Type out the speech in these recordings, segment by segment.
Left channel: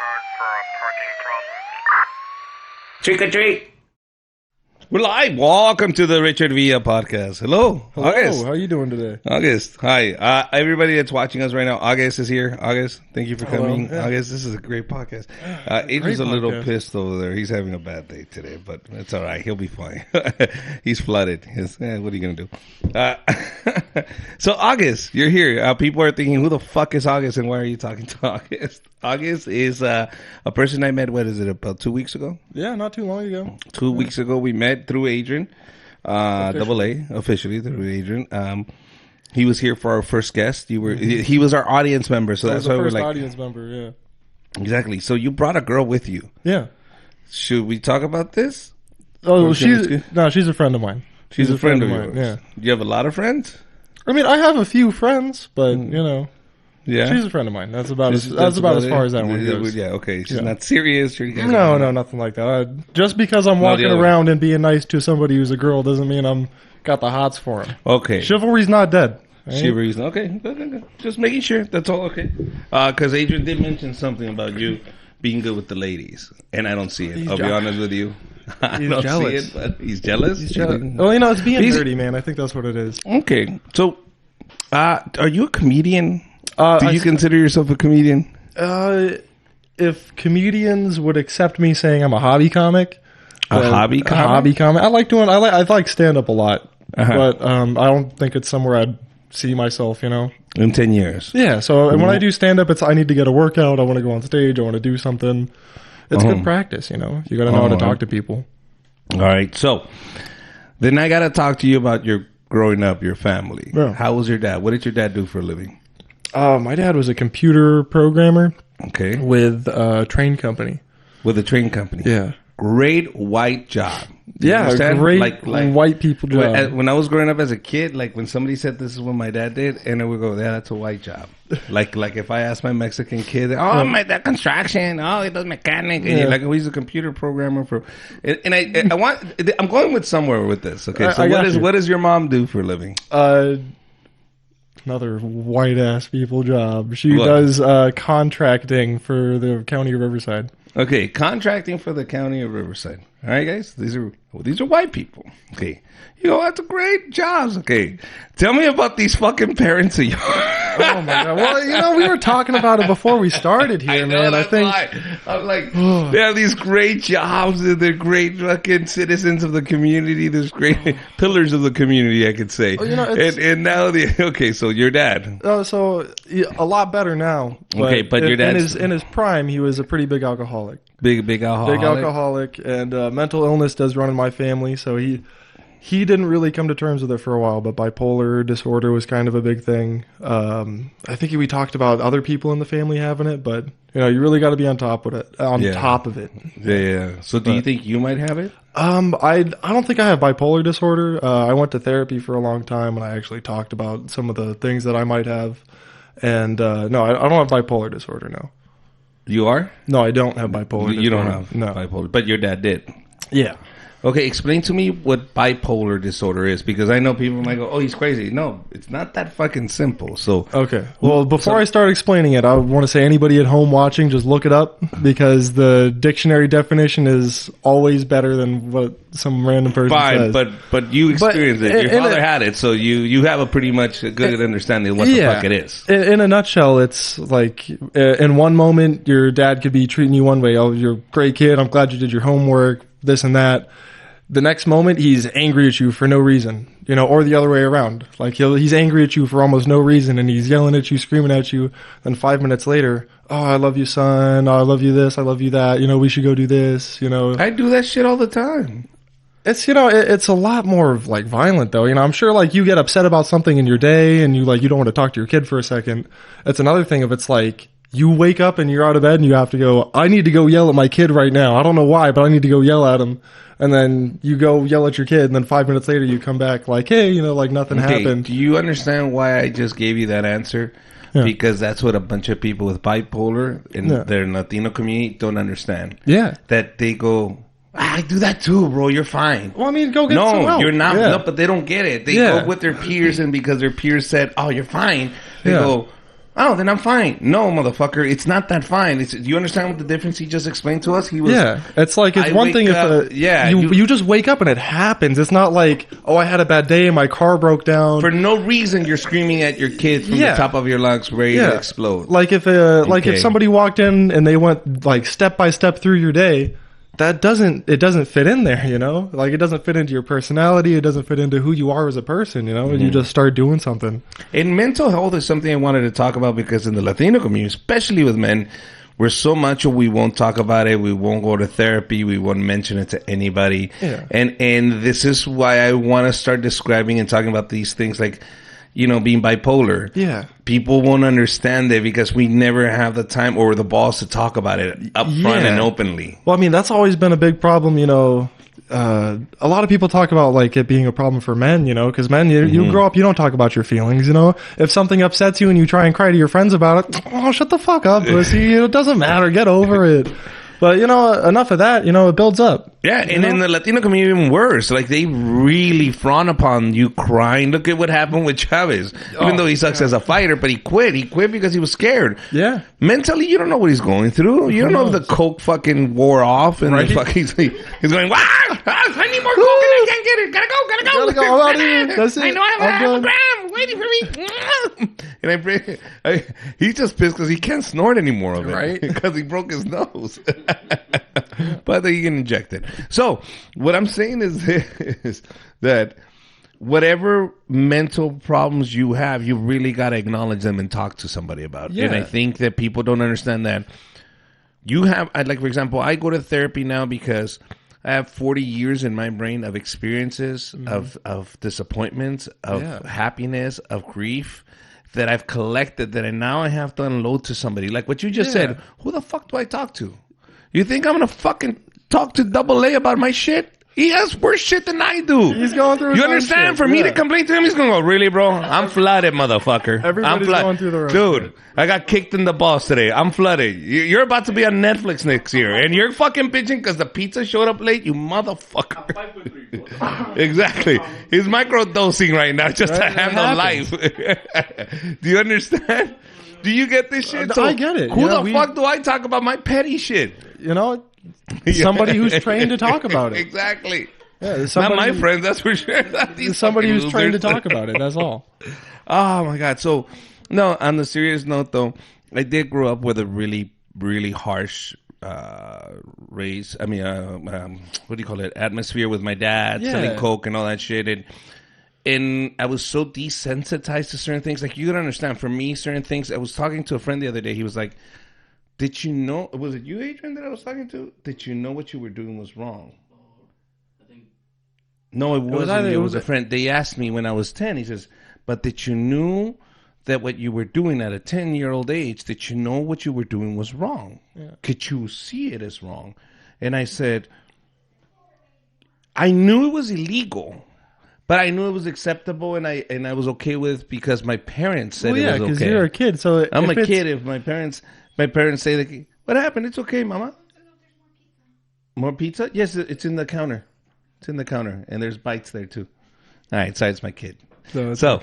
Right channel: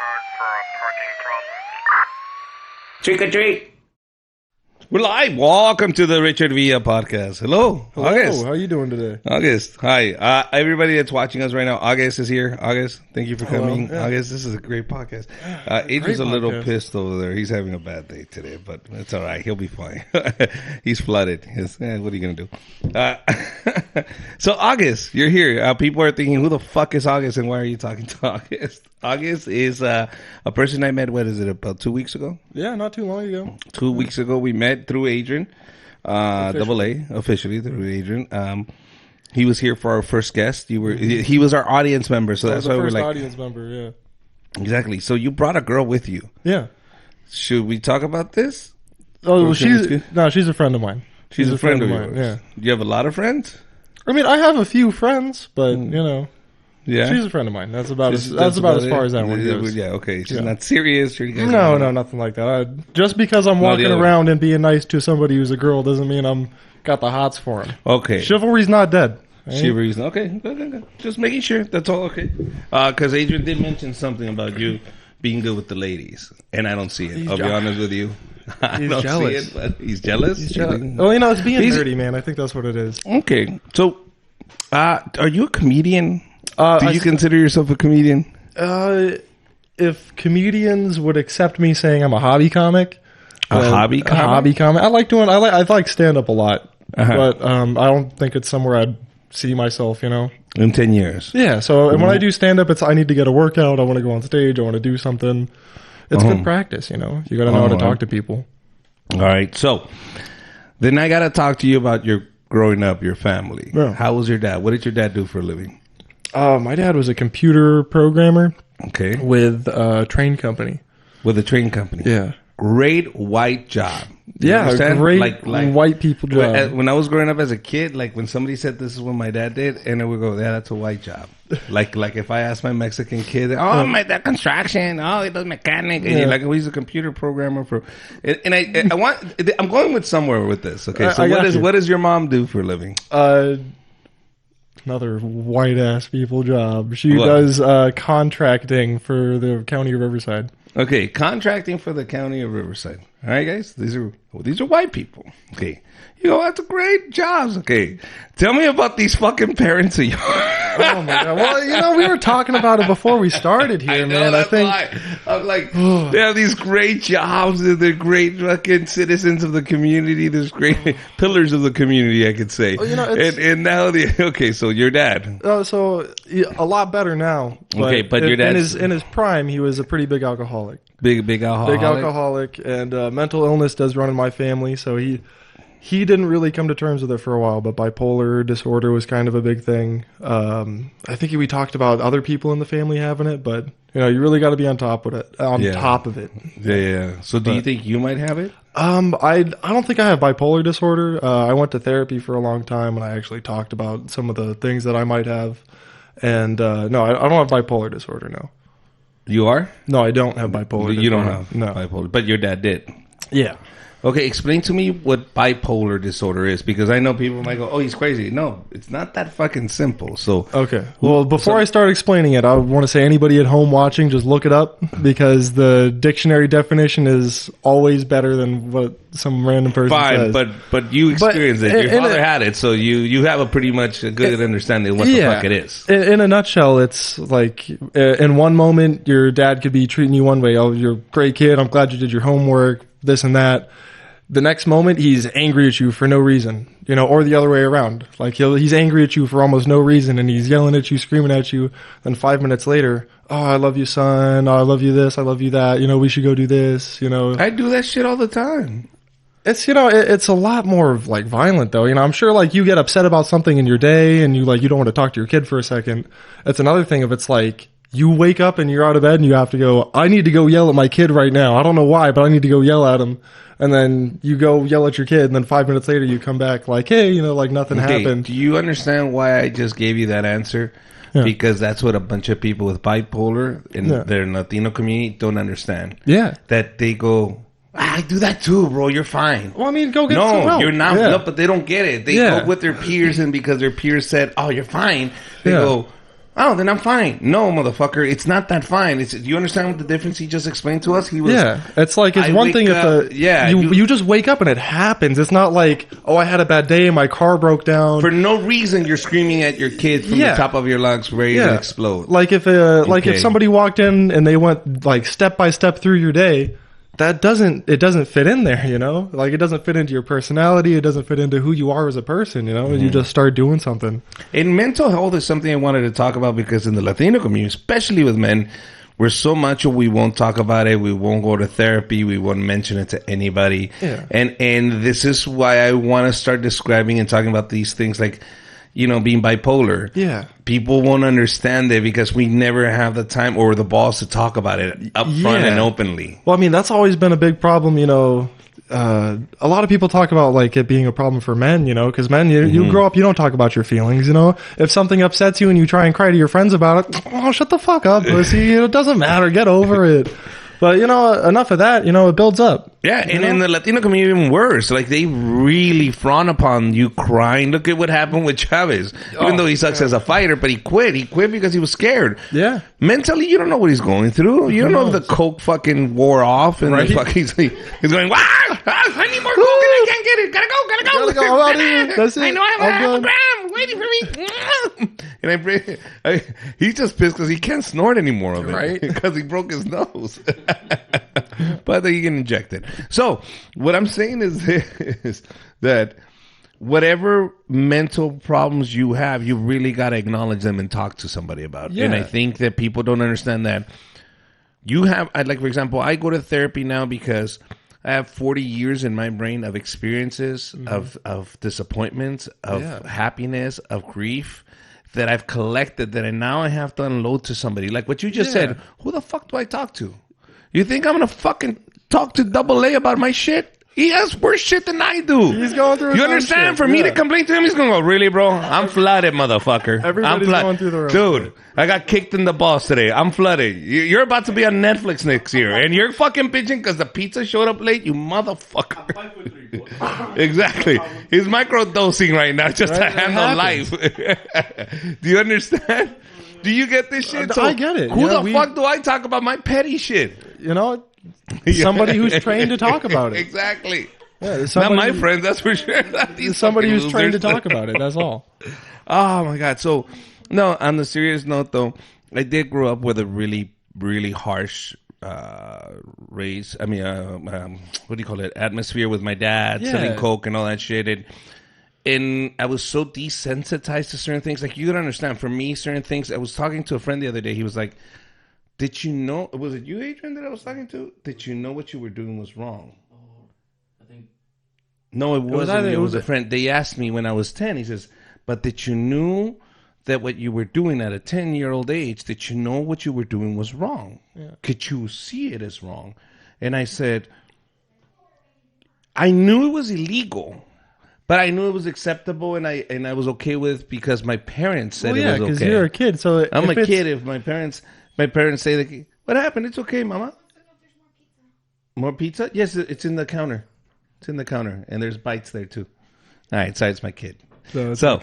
card for a parking problem. Trick or treat. We're live. Welcome to the Richard Villa podcast. Hello, August. August, hi. Everybody that's watching us right now, August is here. August, thank you for coming. August, this is a great podcast. Adrian's a little pissed over there. He's having a bad day today, but it's all right. He'll be fine. He's flooded. What are you going to do? So, August, you're here. People are thinking, who the fuck is August and why are you talking to August? August is a person I met, what is it, about 2 weeks ago? Yeah, not too long ago. 2 weeks ago, we met through Adrian, double A, officially through Adrian. He was here for our first guest. He was our audience member, so that's why we're like, exactly. So you brought a girl with you. Yeah. Should we talk about this, or can we skip? No, she's a friend of mine. She's a friend of yours. Do you have a lot of friends? I mean, I have a few friends, but Yeah. she's a friend of mine. That's about it. Yeah. Okay. She's not serious. Sure, you guys are hanging out. Nothing like that. Just because I'm No, the other one. around and being nice to somebody who's a girl doesn't mean I'm got the hots for her. Okay. Chivalry's not dead. Shiveries. Okay. Good. Just making sure. That's all. Okay. Because Adrian did mention something about you being good with the ladies, and I don't see it. I'll be honest with you. I don't see it, but he's jealous. Do you think? Well, But he's he's- I think that's what it is. Okay. So, are you a comedian? Do you consider yourself a comedian? If comedians would accept me saying I'm a hobby comic, A hobby comic? I like stand-up a lot. Uh-huh. I don't think it's somewhere I'd see myself, In 10 years. So when I do stand-up, if I need to get a workout, I'm going to go on stage, I'm going to do something. Uh-huh. Practice, you All know, right. talk to people. All right. So, then I got to talk to you about your growing up, your family. How was your dad? What did your dad do for a living? My dad was a computer programmer Okay. with a train company. With a train company. Great white job. Do you understand? Like when I was growing up as a kid, like when somebody said this is what my dad did, and I would go, yeah, that's a white job. Like if I asked my Mexican kid, oh, my dad construction, oh, he does mechanic, and you're like, oh, he's a computer programmer for, and I'm going with somewhere with this. Okay, so what does your mom do for a living? Another white ass people job. What? She was contracting for the county of Riverside. Okay, contracting for the county of Riverside. All right, guys, these are white people. Okay, you know that's a great jobs. Okay, tell me about these fucking parents of yours. I know, that's why I'm like, they have these great jobs and they're great fucking citizens of the community. There's great pillars of the community, I could say. And now okay, so your dad. So he's a lot better now. Okay, but your dad's In his prime, he was a pretty big alcoholic. big alcoholic. And mental illness does run in my family, so he didn't really come to terms with it for a while, but bipolar disorder was kind of a big thing. I think we talked about other people in the family having it, but you really got to be on top of it. Yeah. So do you think you might have it? I don't think I have bipolar disorder. I went to therapy for a long time where I actually talked about some of the things that I might have. And no, I don't have bipolar disorder now. You are? No, I don't have bipolar. You don't have bipolar, but your dad did. Yeah. Okay, explain to me what bipolar disorder is, because I know people might go, "Oh, he's crazy." No, it's not that fucking simple. So, When I start explaining it, I don't want to say anybody at home watching just look it up, because the dictionary definition is always better than what some random. Fine, but you experienced it. Your father had it, so you have a pretty much a good understanding of what the fuck it is. In a nutshell, it's like in one moment your dad can be treating you one way, you're breaking your budget, your homework, this and that. The next moment he's angry at you for no reason. Or the other way around. Like he's angry at you for almost no reason, and he's yelling at you, screaming at you, and 5 minutes later, I love you, son, I love you this, I love you that, we should go do this, I do that shit all the time. It's, it's a lot more of, like, violent, though. I'm sure, like, you get upset about something in your day, and you don't want to talk to your kid for a second. It's another thing if it's like, you wake up and you're out of bed and you have to go, I need to go yell at my kid right now. I don't know why, but I need to go yell at him. And then you go and yell at your kid, and 5 minutes later you come back like, hey, like nothing. Okay, do you understand why I just gave you that answer? Because that's what a bunch of people with bipolar in their Latino community don't understand. That they go, I do that too, bro, you're fine. No, you're not. No, but they don't get it. They go with their peers, and because their peers said, oh, you're fine, they go, Oh, then I'm fine. No, motherfucker, it's not that fine. Do you understand what the difference he just explained to us? He was, I wake up, yeah, You just wake up and it happens. It's not like, oh, I had a bad day, my car broke down. for no reason, you're screaming at your kids from the top of your lungs, ready to explode. Like if you're, Okay. if somebody walk in and they went like step by step through their day, it doesn't fit in there, you know? Like it doesn't fit into your personality, it doesn't fit into who you are as a person, you know? You just start doing something. And mental health is something I wanted to talk about because in the Latino community, especially with men, we're so macho we won't talk about it. We won't go to therapy. We won't mention it to anybody. And this is why I want to start describing and talking about these things like, you know, being bipolar. People won't understand it because we never have the time or the balls to talk about it up front and openly. Well, I mean, that's always been a big problem, you know. A lot of people talk about like it being a problem for men, you know, because men, you don't talk about your feelings, you know. If something upsets you and you try and cry to your friends about it, oh, shut the fuck up. You know, it doesn't matter, get over it. But, you know, enough of that, you know, it builds up. Yeah, and in the Latino community, even worse. Like, they really frown upon you crying. Look at what happened with Chavez. Even though he sucks as a fighter, but he quit. He quit because he was scared. Yeah. Mentally, you don't know what he's going through. You don't know if the coke fucking wore off and the fucking he's going, I need more coke and I can't get it. Gotta go. I know I have a gram waiting for me. And he's just pissed because he can't snort any more of it because he broke his nose. But he can inject it. So what I'm saying is that whatever mental problems you have, you really got to acknowledge them and talk to somebody about. And I think that people don't understand that you have, like, for example, I go to therapy now because I have 40 years in my brain of experiences, of disappointments, of happiness, of grief that I've collected that now I have to unload to somebody. Like what you just said, who the fuck do I talk to? You think I'm going to fucking talk to Double A about my shit? He has worse shit than I do. You understand? For me to complain to him, he's going to go, really, bro? I'm flooded, motherfucker. I'm flooded. Dude, I got kicked in the balls today. I'm flooded. You're about to be on Netflix next year. And you're fucking bitching because the pizza showed up late, you motherfucker. Exactly. He's microdosing right now just to handle life. Do you understand? Do you get this shit? So who the fuck do I talk about my petty shit? Yeah, exactly. Not my friends, that's for sure. Not these fucking losers. Oh my God. So, no, on the serious note though, I did grow up with a really, really harsh race. I mean, what do you call it? Atmosphere with my dad selling coke and all that shit. And I was so desensitized to certain things. Like, you gotta understand, for me, certain things. I was talking to a friend the other day. He was like, did you know, was it you, Adrian, that I was talking to? Did you know what you were doing was wrong? No, it wasn't you. It was a friend. They asked me when I was 10. He says, but did you know that what you were doing at a 10-year-old age, did you know what you were doing was wrong? Could you see it as wrong? And I said, I knew it was illegal, but I knew it was acceptable and I was okay with it because my parents said it was okay. I'm a kid. If my parents say, like, what happened? It's okay, mama. More pizza? Yes, it's in the counter. It's in the counter. And there's bites there, too. All right, so it's my kid. So,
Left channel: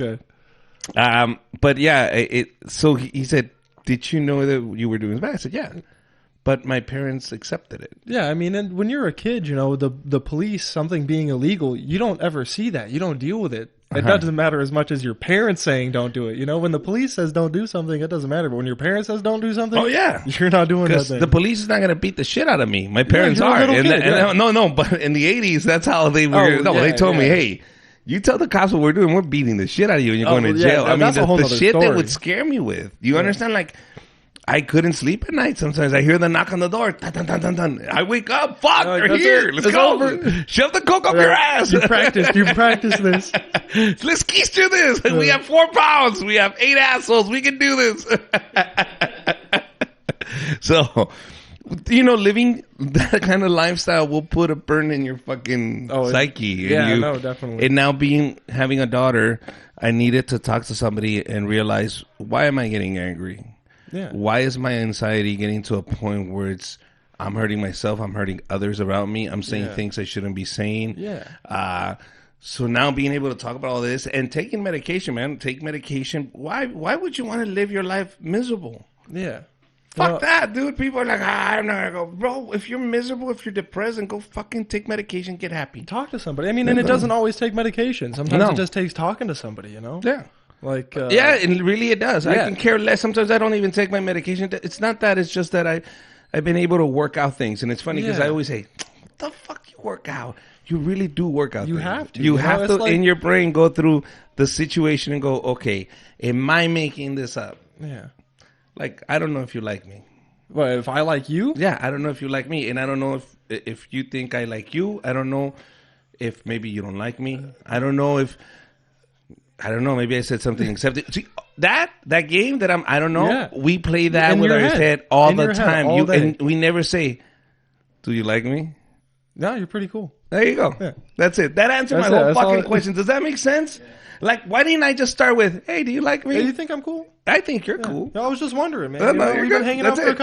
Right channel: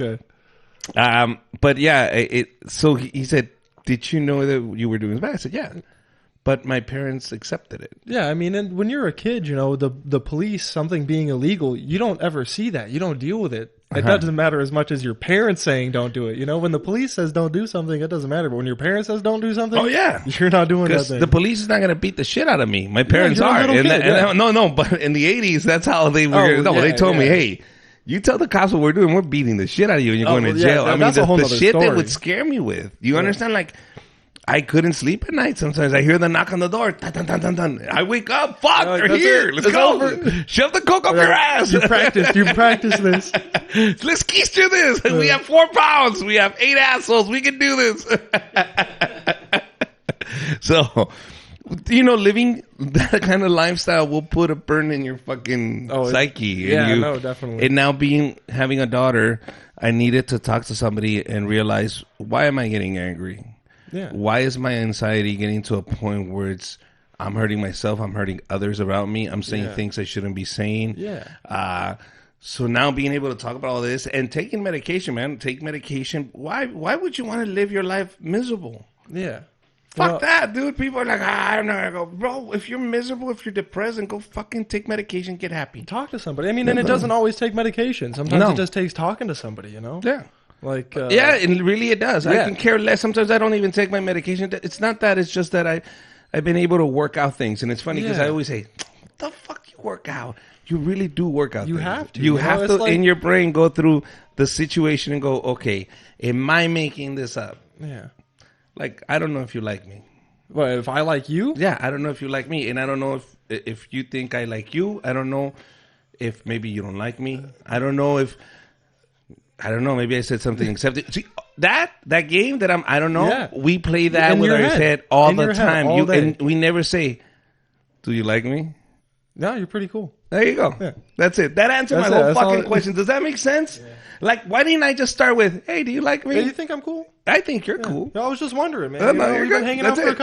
but yeah, so he said, did you know that you were doing bad? I said, yeah. But my parents accepted it. Yeah, I mean, when you're a kid, you know, the police, something being illegal, you don't ever see that. You don't deal with it. It doesn't matter as much as your parents saying don't do it. You know, when the police says don't do something, it doesn't matter. But when your parents says don't do something, oh yeah, because the police is not going to beat the shit out of me. My parents are, no, but in the 80s, that's how they were. No, they told me, hey, you tell the cops what we're doing, we're beating the shit out of you, and you're going to jail. I mean, the shit that would scare me with. You understand? Like, I couldn't sleep at night. Sometimes I hear the knock on the door. Dun, dun, dun, dun, dun. I wake up. Fuck, they're here. Let's go. Shove the coke up your ass. Let's keister this. We have 4 pounds. We have 8 assholes. We can do this. So, you know, living that kind of lifestyle will put a burn in your fucking psyche. And now having a daughter, I needed to talk to somebody and realize, why am I getting angry? Why is my anxiety getting to a point where I'm hurting myself, I'm hurting others around me, I'm saying things I shouldn't be saying. So now being able to talk about all this and taking medication, man, take medication. Why would you want to live your life miserable? Yeah. Fuck that, dude. People are like, I'm not gonna go. Bro, if you're miserable, if you're depressed, then go fucking take medication, get happy. Talk to somebody. I mean, it doesn't always take medication. Sometimes No. it just takes talking to somebody, you know? Yeah. Like, Yeah, and really it does. I can care less. Sometimes I don't even take my medication. It's not that. It's just that I've been able to work out things. And it's funny because I always say, what the fuck you work out? You really do work out things. You have to, in your brain, go through the situation and go, okay, am I making this up? Like, I don't know if you like me. Well, if I like you? Yeah, I don't know if you like me. And I don't know if you think I like you. I don't know if maybe you don't like me. I don't know. Maybe I said something accepted. See, that game that I don't know. We play that with our head all the time. And we never say, do you like me? No, you're pretty cool. There you go. That's it. That answered my whole fucking question. Does that make sense? Like, why didn't I just start with, hey, do you like me? I think I'm cool. I think you're cool. I was just wondering. No, you're good. That's it.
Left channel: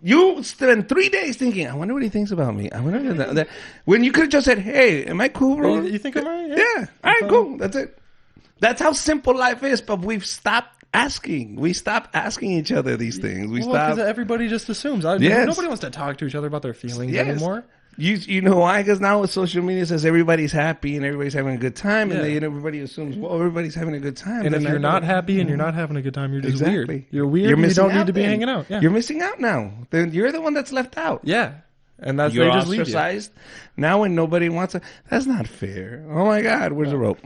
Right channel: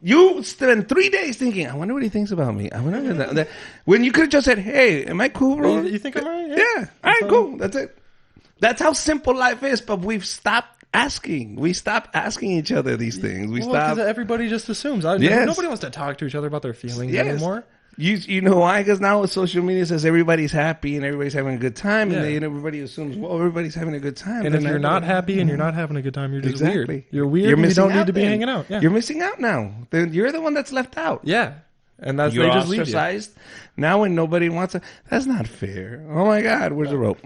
You spend 3 days thinking, I wonder what he thinks about me. I wonder that. When you could have just said, hey, am I cool, bro? Yeah. All right, cool. That's it. That's how simple life is, but we've stopped asking. We stopped asking each other these things. We stopped. Everybody just assumes. Yes. Nobody wants to talk to each other about their feelings. Yes. You know why? Because now with social media says everybody's happy and everybody's having a good time, and then everybody assumes, well, everybody's having a good time, then I better. Exactly. You're missing out then. You're missing out now. Then you're the one that's left out. Yeah. You're ostracized. Now when nobody wants to, that's not fair. Oh my God, where's the rope?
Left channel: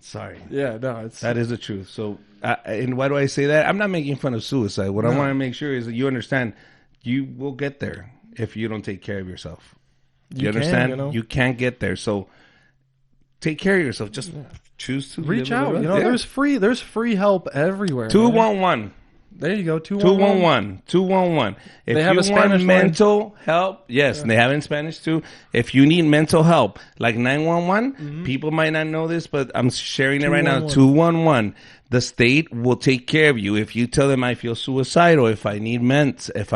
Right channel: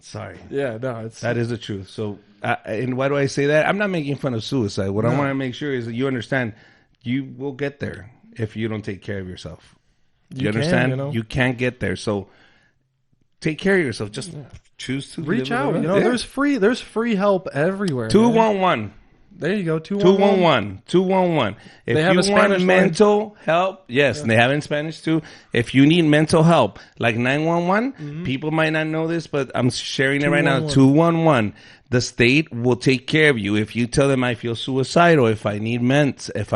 Sorry. Yeah, no, it's, That is the truth. So, and why do I say that? I'm not making fun of suicide. What I want to make sure is that you understand you will get there if you don't take care of yourself. You understand? You can't get there. So take care of yourself. Just choose to live a better life. Yes. there's free help everywhere. 211. There you go. 211. 211. If you want mental help, yes, and they have it in Spanish too. If you need mental help, like 911, people might not know this, but I'm sharing it right now. 211. The state will take care of you. If you tell them I feel suicidal, if I need meds, if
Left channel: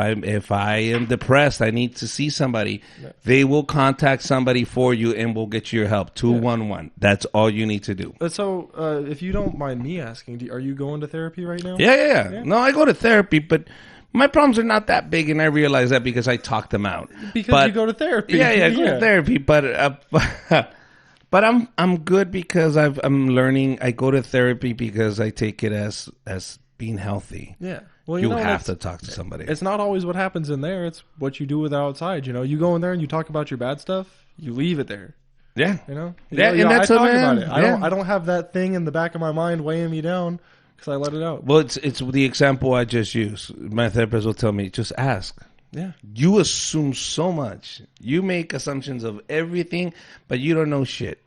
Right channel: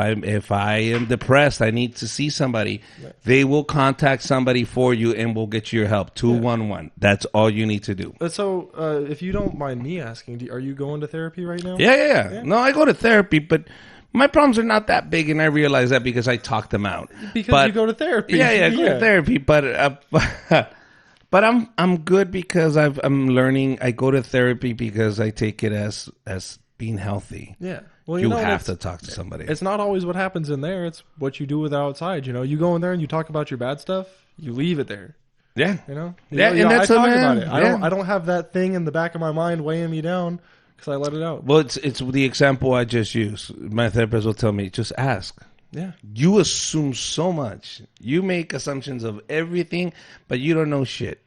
I am depressed, I need to see somebody, they will contact somebody for you and will get you your help. 211. That's all you need to do. But so, if you don't mind me asking, are you going to therapy right now? Yeah. No, I go to therapy, but my problems are not that big, and I realize that because I talk them out. But Go to therapy. yeah, going to therapy. But but I'm good because I'm learning. I go to therapy because I take it as being healthy. You have to talk to somebody. It's not always what happens in there. It's what you do with outside. You know, you go in there and you talk about your bad stuff. You leave it there. Yeah, yeah, and that's yeah. I don't have that thing in the back of my mind weighing me down. So I let it go. Well, it's the example I just used. My therapist will tell me, just ask. You assume so much. You make assumptions of everything, but you don't know shit.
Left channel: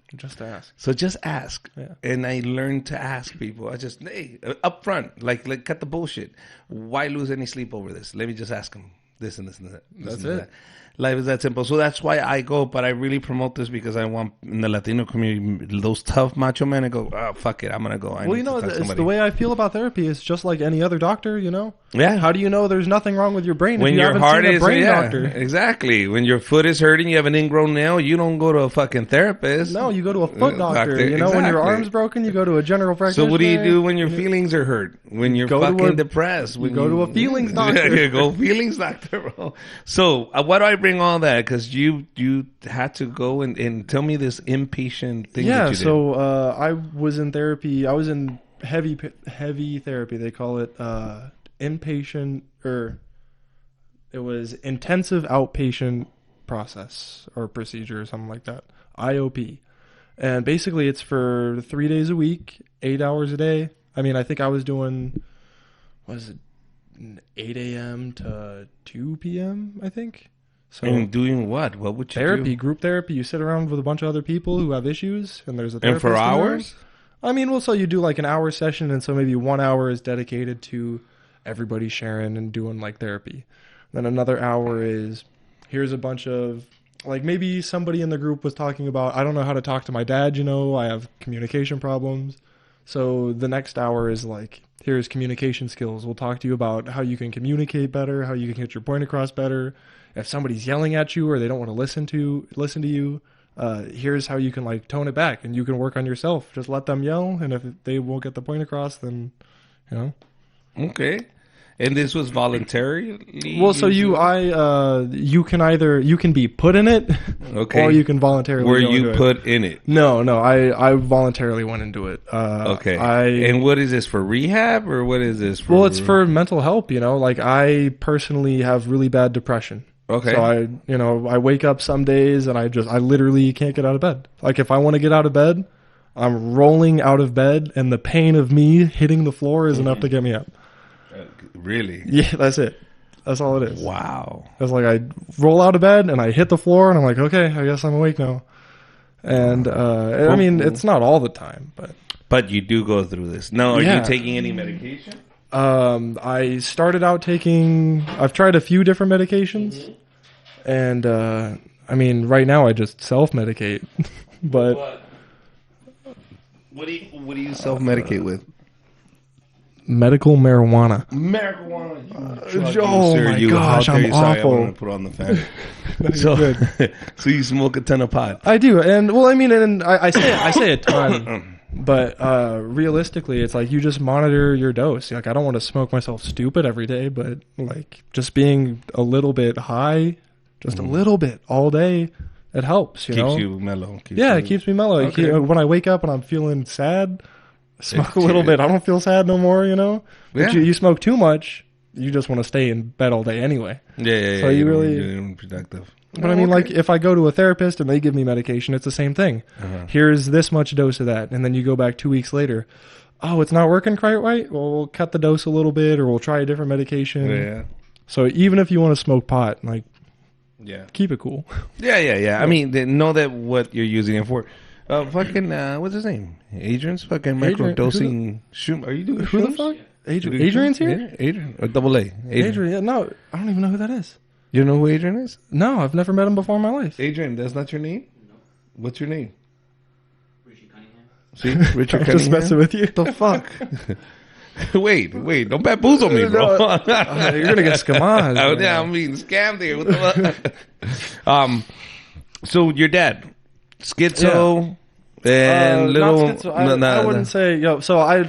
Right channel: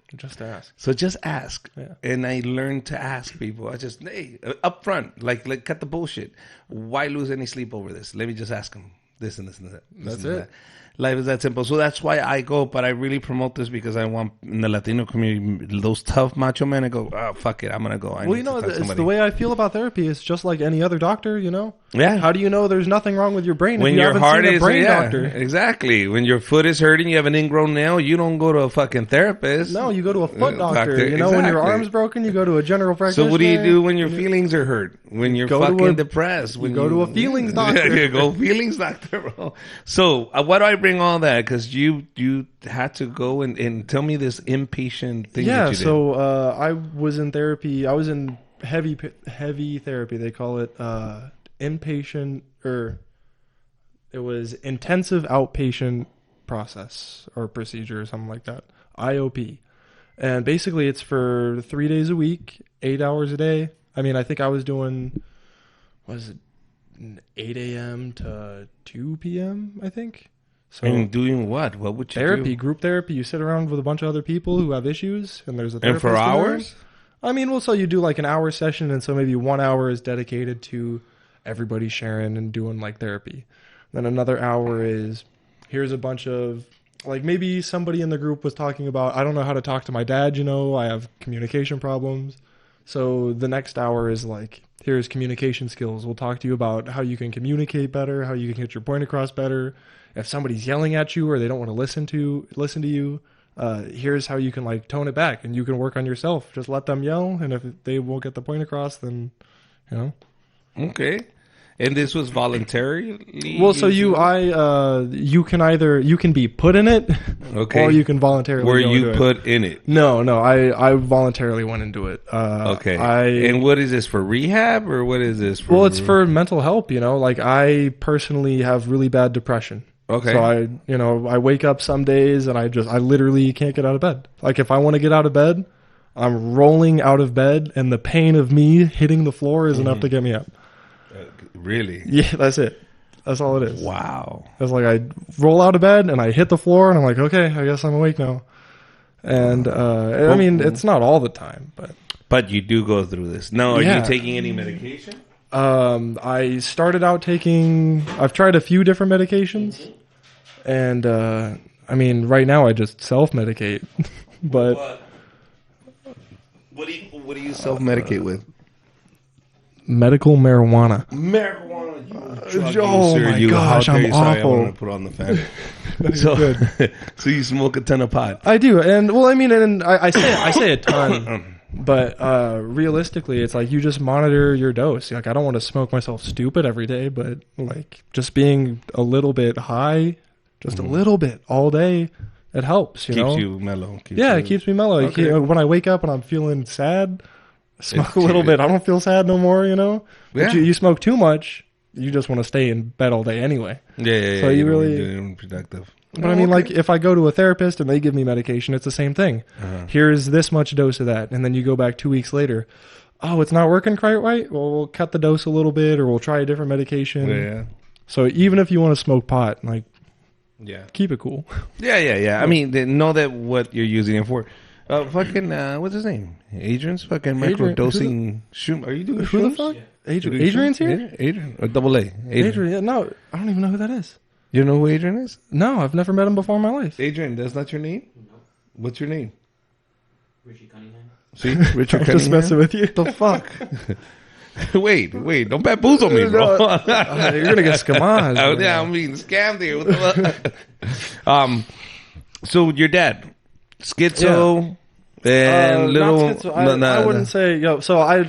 So just ask. And I learned to ask people. I just, hey, up front, like cut the bullshit. Why lose any sleep over this? Let me just ask them this and this and that, this and that. Life is that simple. So that's why I go, but I really promote this because I want in the Latino community, those tough macho men, I go, oh, fuck it, I'm going to go. I need to talk to somebody. The way I feel about therapy is just like any other doctor, you know? Yeah. How do you know there's nothing wrong with your brain? When your heart is, yeah, exactly. When your foot is hurting, you have an ingrown nail, you don't go to a fucking therapist. Doctor, exactly. So what do you do when your feelings are hurt? When you're fucking depressed? When you go feelings doctor, bro. So why do I bring all that? Because you had to go and tell me this inpatient thing that you did. So I was in therapy. I was in heavy therapy. They call it inpatient, or it was intensive outpatient process or procedure or something like that. IOP. And basically it's for 3 days a week, 8 hours a day. I mean, I think I was doing, was it 8 a.m. to 2 p.m., I think? And doing what? What would you do? Group therapy. You sit around with a bunch of other people who have issues. And for hours? I mean, also you do like an hour session, and so maybe 1 hour is dedicated to everybody sharing and doing like therapy. And another hour is, here's a bunch of, like maybe somebody in the group was talking about, I don't know how to talk to my dad, you know, I have communication problems. So the next hour is like, here's communication skills. We'll talk to you about how you can communicate better, how you can get your point across better. If somebody's yelling at you or they don't want to listen to you, here's how you can like tone it back, and you can work on yourself. Just let them yell, and if they won't get the point across, then you know. Okay. And this was voluntarily used? You can be put in it. Okay. You can voluntarily Were you put in it? No, I voluntarily went into it. Okay. And what is this, for rehab, or what is this for? It's for mental health, you know. Like, I personally have really bad depression. Okay. I wake up some days and I literally can't get out of bed. Like, if I want to get out of bed, I'm rolling out of bed, and the pain of me hitting the floor is enough to get me up. Really? That's it. That's all it is. Wow. It's like I roll out of bed and I hit the floor and I'm like, okay, I guess I'm awake now. Well, It's not all the time. but you do go through this. Now, are you taking any medication? I started out taking, I've tried a few different medications. And, right now I just self-medicate. With what? What do you self-medicate with? Marijuana, you drug user, you, how dare you? Sorry, I wanted to put on the fan. So, so you smoke a ton of pot. I do. But realistically, it's like you just monitor your dose. Like, I don't want to smoke myself stupid every day, but just being a little bit high, a little bit away, it helps. Keeps you mellow. Keeps you mellow. okay. When I wake up and I'm feeling sad, It's I don't feel sad anymore, you know? Yeah. If you smoke too much, you just want to stay in bed all day anyway. Yeah. You don't want to do anything productive. Oh, okay. If I go to a therapist and they give me medication, it's the same thing. There's this much dose of that, and then you go back 2 weeks later. Oh, it's not working quite right? Well, we'll cut the dose a little bit, or we'll try a different medication. Yeah. So even if you want to smoke pot, like, keep it cool. Yeah. I mean, they know that what you're using it for. What's his name? Adrian's fucking microdosing shroom. Are you doing shrooms? Yeah. You doing shrooms? Adrian? Or double A? Adrian. You know who Adrian is? No, I've never met him before in my life. Adrian, that's not your name? No. What's your name? Richard Cunningham. See? Richard Cunningham? What the fuck? Wait, don't bamboozle me, bro. Yeah, I'm being scammed here. What the fuck? So your dad, schizo, and little... No. So I am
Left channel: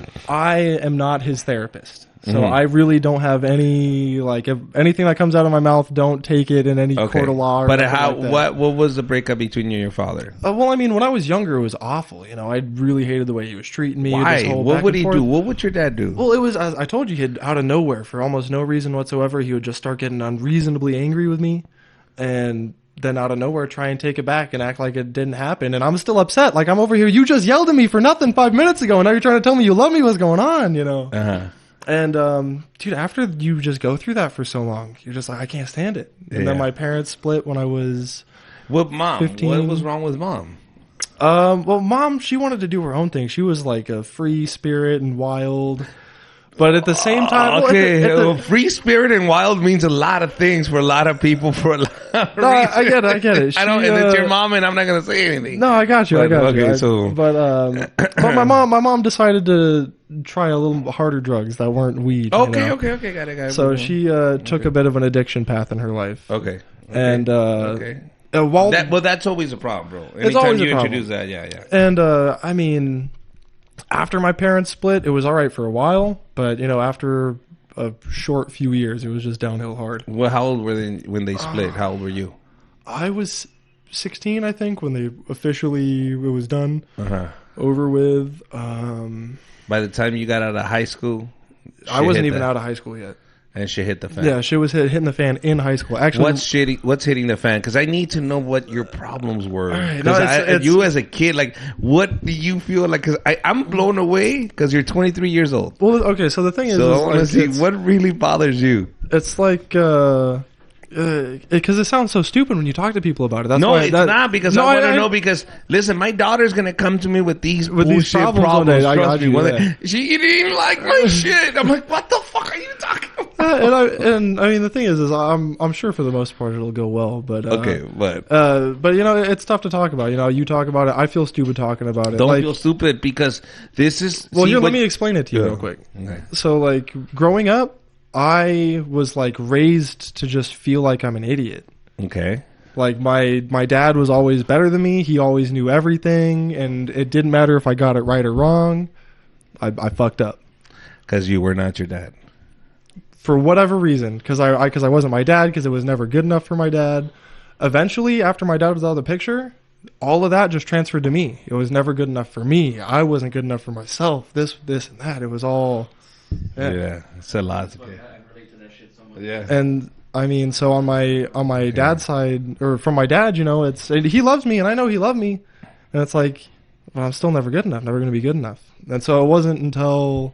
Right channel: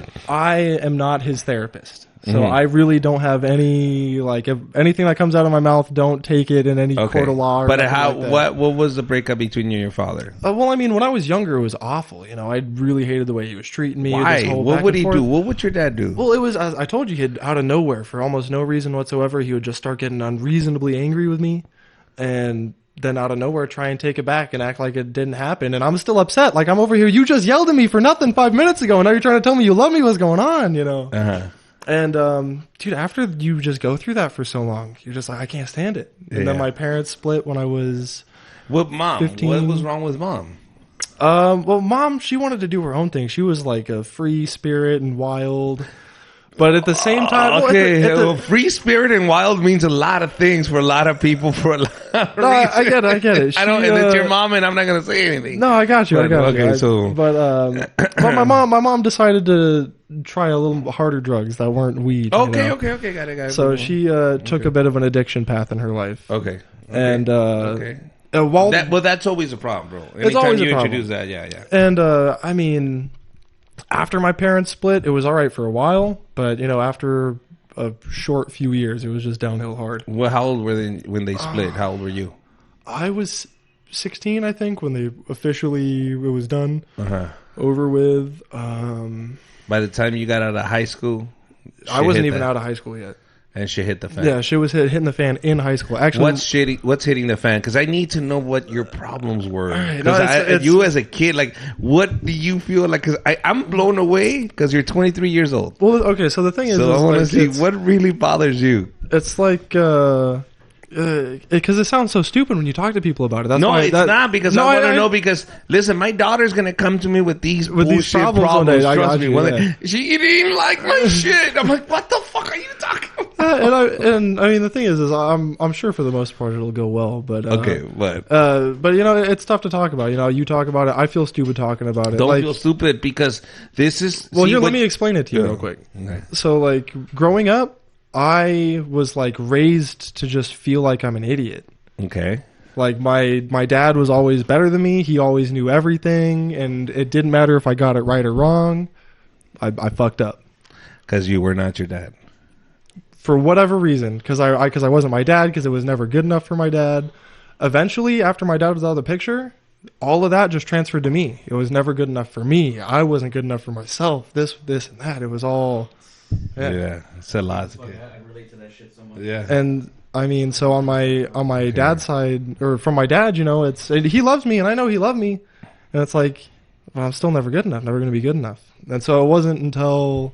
not his therapist. I really don't have any, like, anything that comes out of my mouth, don't take it in any Okay. line. But what was the breakup between you and your father? Well, I mean, when I was younger, it was awful. You know, I really hated the way he was treating me. Why? What would he do? What would your dad do? Well, it was, as I told you, out of nowhere, for almost no reason whatsoever, he would just start getting unreasonably angry with me, and then out of nowhere try and take it back and act like it didn't happen. And I'm still upset. Like, I'm over here, you just yelled at me for nothing 5 minutes ago, and every time you tell me you love me, what's going on, you know? And, after you just go through that for so long, you're just like, I can't stand it. Yeah. My parents split when I was... What mom? What was wrong with mom? Well, Mom, she wanted to do her own thing. She was like a free spirit and wild. But at the same time, Okay, well, free spirit and wild means a lot of things for a lot of people for a lot of reasons. I don't, and it's your mom, and I'm not gonna say anything. But okay, so my mom decided to try a little harder drugs that weren't weed. okay, got it. So she took a bit of an addiction path in her life. Okay. That's always a problem, bro. Anytime you introduce that, yeah. And I mean, after my parents split, it was alright for a while, but you know, after a short few years, it was just downhill hard. Well, how old were they when they split? How old were you? I was 16, I think, when it was done. Over with. By the time you got out of high school, shit hit Out that, of high school, yeah. and shit hit the fan. Yeah, she was hitting the fan in high school. What's hitting the fan? Because I need to know what your problems were. Because you as a kid, like, what do you feel like? Because I'm blown away because you're 23 years old. Well, okay, so the thing So I want to see what really bothers you. it's like, because it sounds so stupid when you talk to people about it. No, it's not, because I want to know, because listen, my daughter's going to come to me with these bullshit problems. Trust me. She didn't like my shit. I'm like, what the fuck are you talking about? And the thing is I'm sure for the most part it'll go well. But, Okay, but you know, it's tough to talk about. You know, you talk about it. I feel stupid talking about it. don't feel stupid, because this is, see Let what... me explain it to you. Okay. So, like, growing up, I was, like, raised to just feel like I'm an idiot. Okay. Like, my dad was always better than me. He always knew everything, and it didn't matter if I got it right or wrong. I fucked up. Because you were not your dad. For whatever reason. Because I wasn't my dad, because it was never good enough for my dad. Eventually, after my dad was out of the picture, all of that just transferred to me. It was never good enough for me. I wasn't good enough for myself. It was all... Yeah, it's a lot. I relate to that shit so much. Yeah. And, I mean, so on my dad's side, or for my dad, you know, he loved me, and I know he loved me, but it's like, I'm still never good enough, never going to be good enough. And so it wasn't until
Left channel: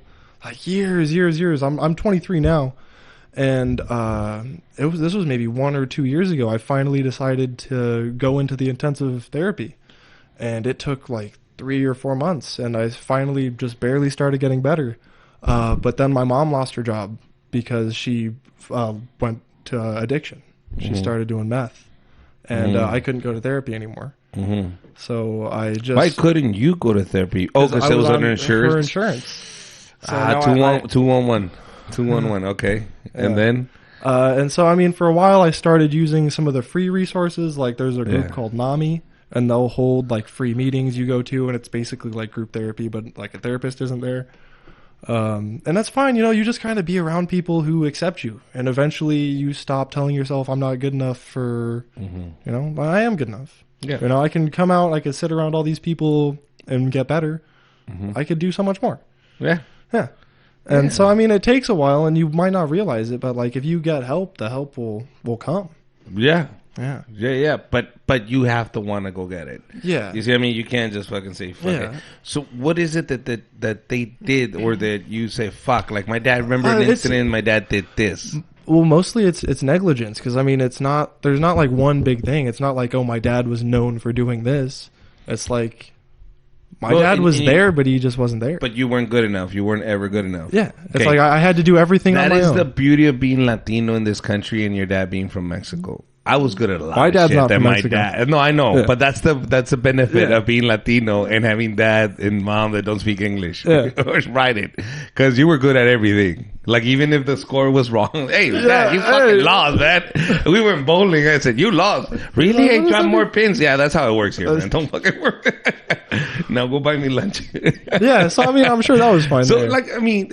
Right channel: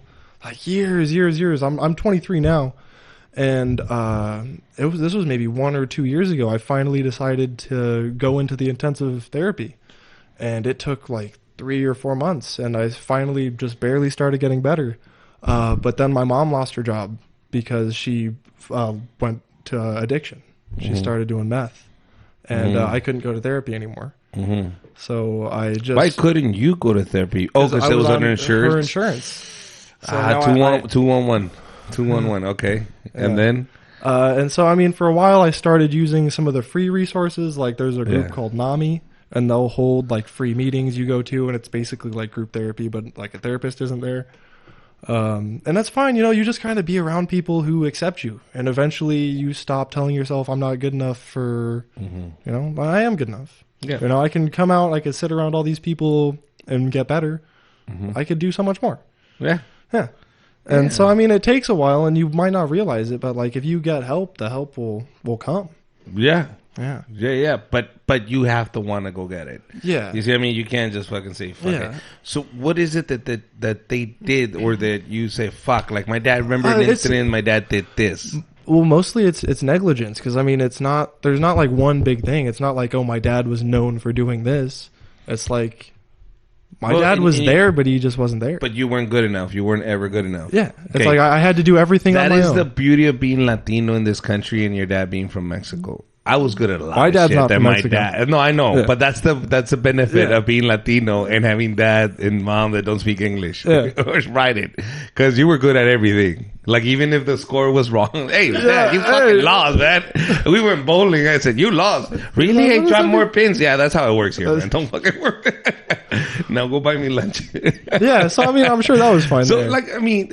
years, I'm 23 now, and this was maybe 1 or 2 years ago, I finally decided to go into the intensive therapy, and it took like 3 or 4 months, and I finally just barely started getting better. But then my mom lost her job because she went to addiction. She started doing meth. And I couldn't go to therapy anymore. So I just... Why couldn't you go to therapy? Oh, because it was under insurance? 211. Okay. And then? And so, I mean, for a while I started using some of the free resources. Like there's a Yeah. called NAMI, and they'll hold like free meetings you go to, and it's basically like group therapy, but like a therapist isn't there. And that's fine, you know, you just gotta be around people who accept you. And eventually you stop telling yourself, I'm not good enough for, you know, I am good enough. Yeah. You know, I can come out, I can sit around all these people and get better. I can do so much more. Yeah. Yeah. Yeah. So, I mean, it takes a while, and you might not realize it, but, like, if you get help, the help will come. Yeah. Yeah. But you have to want to go get it. You see what I mean? You can't just fucking say fuck it. So what is it that they did, or that you say fuck? Like my dad, remember an incident, my dad did this. Well, mostly it's negligence. Because, I mean, there's not like one big thing. It's not like, oh, my dad was known for doing this. It's like, Well, I was you, there, but he just wasn't there. but you weren't good enough. You weren't ever good enough. Okay. I had to do everything. That is the beauty of being Latino in this country and your dad being from Mexico. I was good at a lot of shit that my dad... No, I know. But that's the benefit of being Latino and having dad and mom that don't speak English. Or write it. Because you were good at everything. Like, even if the score was wrong. Hey, dad, you fucking lost, man. We were in bowling. I said, you lost. Really? I dropped more pins? Yeah, that's how it works here, man. Don't fucking work. Now go buy me lunch. So, like, I mean,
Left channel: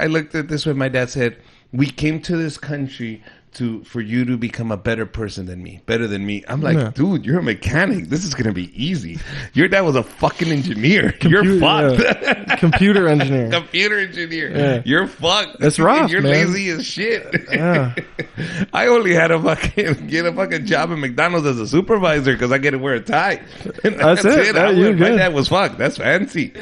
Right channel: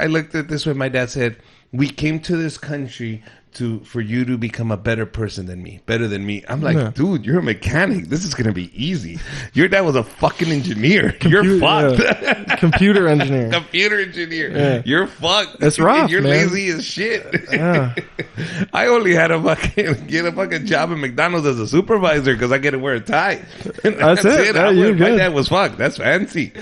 I looked at this when my dad said, we came to this country for you to become a better person than me, better than me. I'm like, dude, you're a mechanic. This is going to be easy. Your dad was a fucking engineer. You're fucked. Computer engineer. You're fucked. And you're lazy as shit. I only had to get a fucking job at McDonald's as a supervisor because I get to wear a tie. And that's it. My dad was fucked. That's fancy.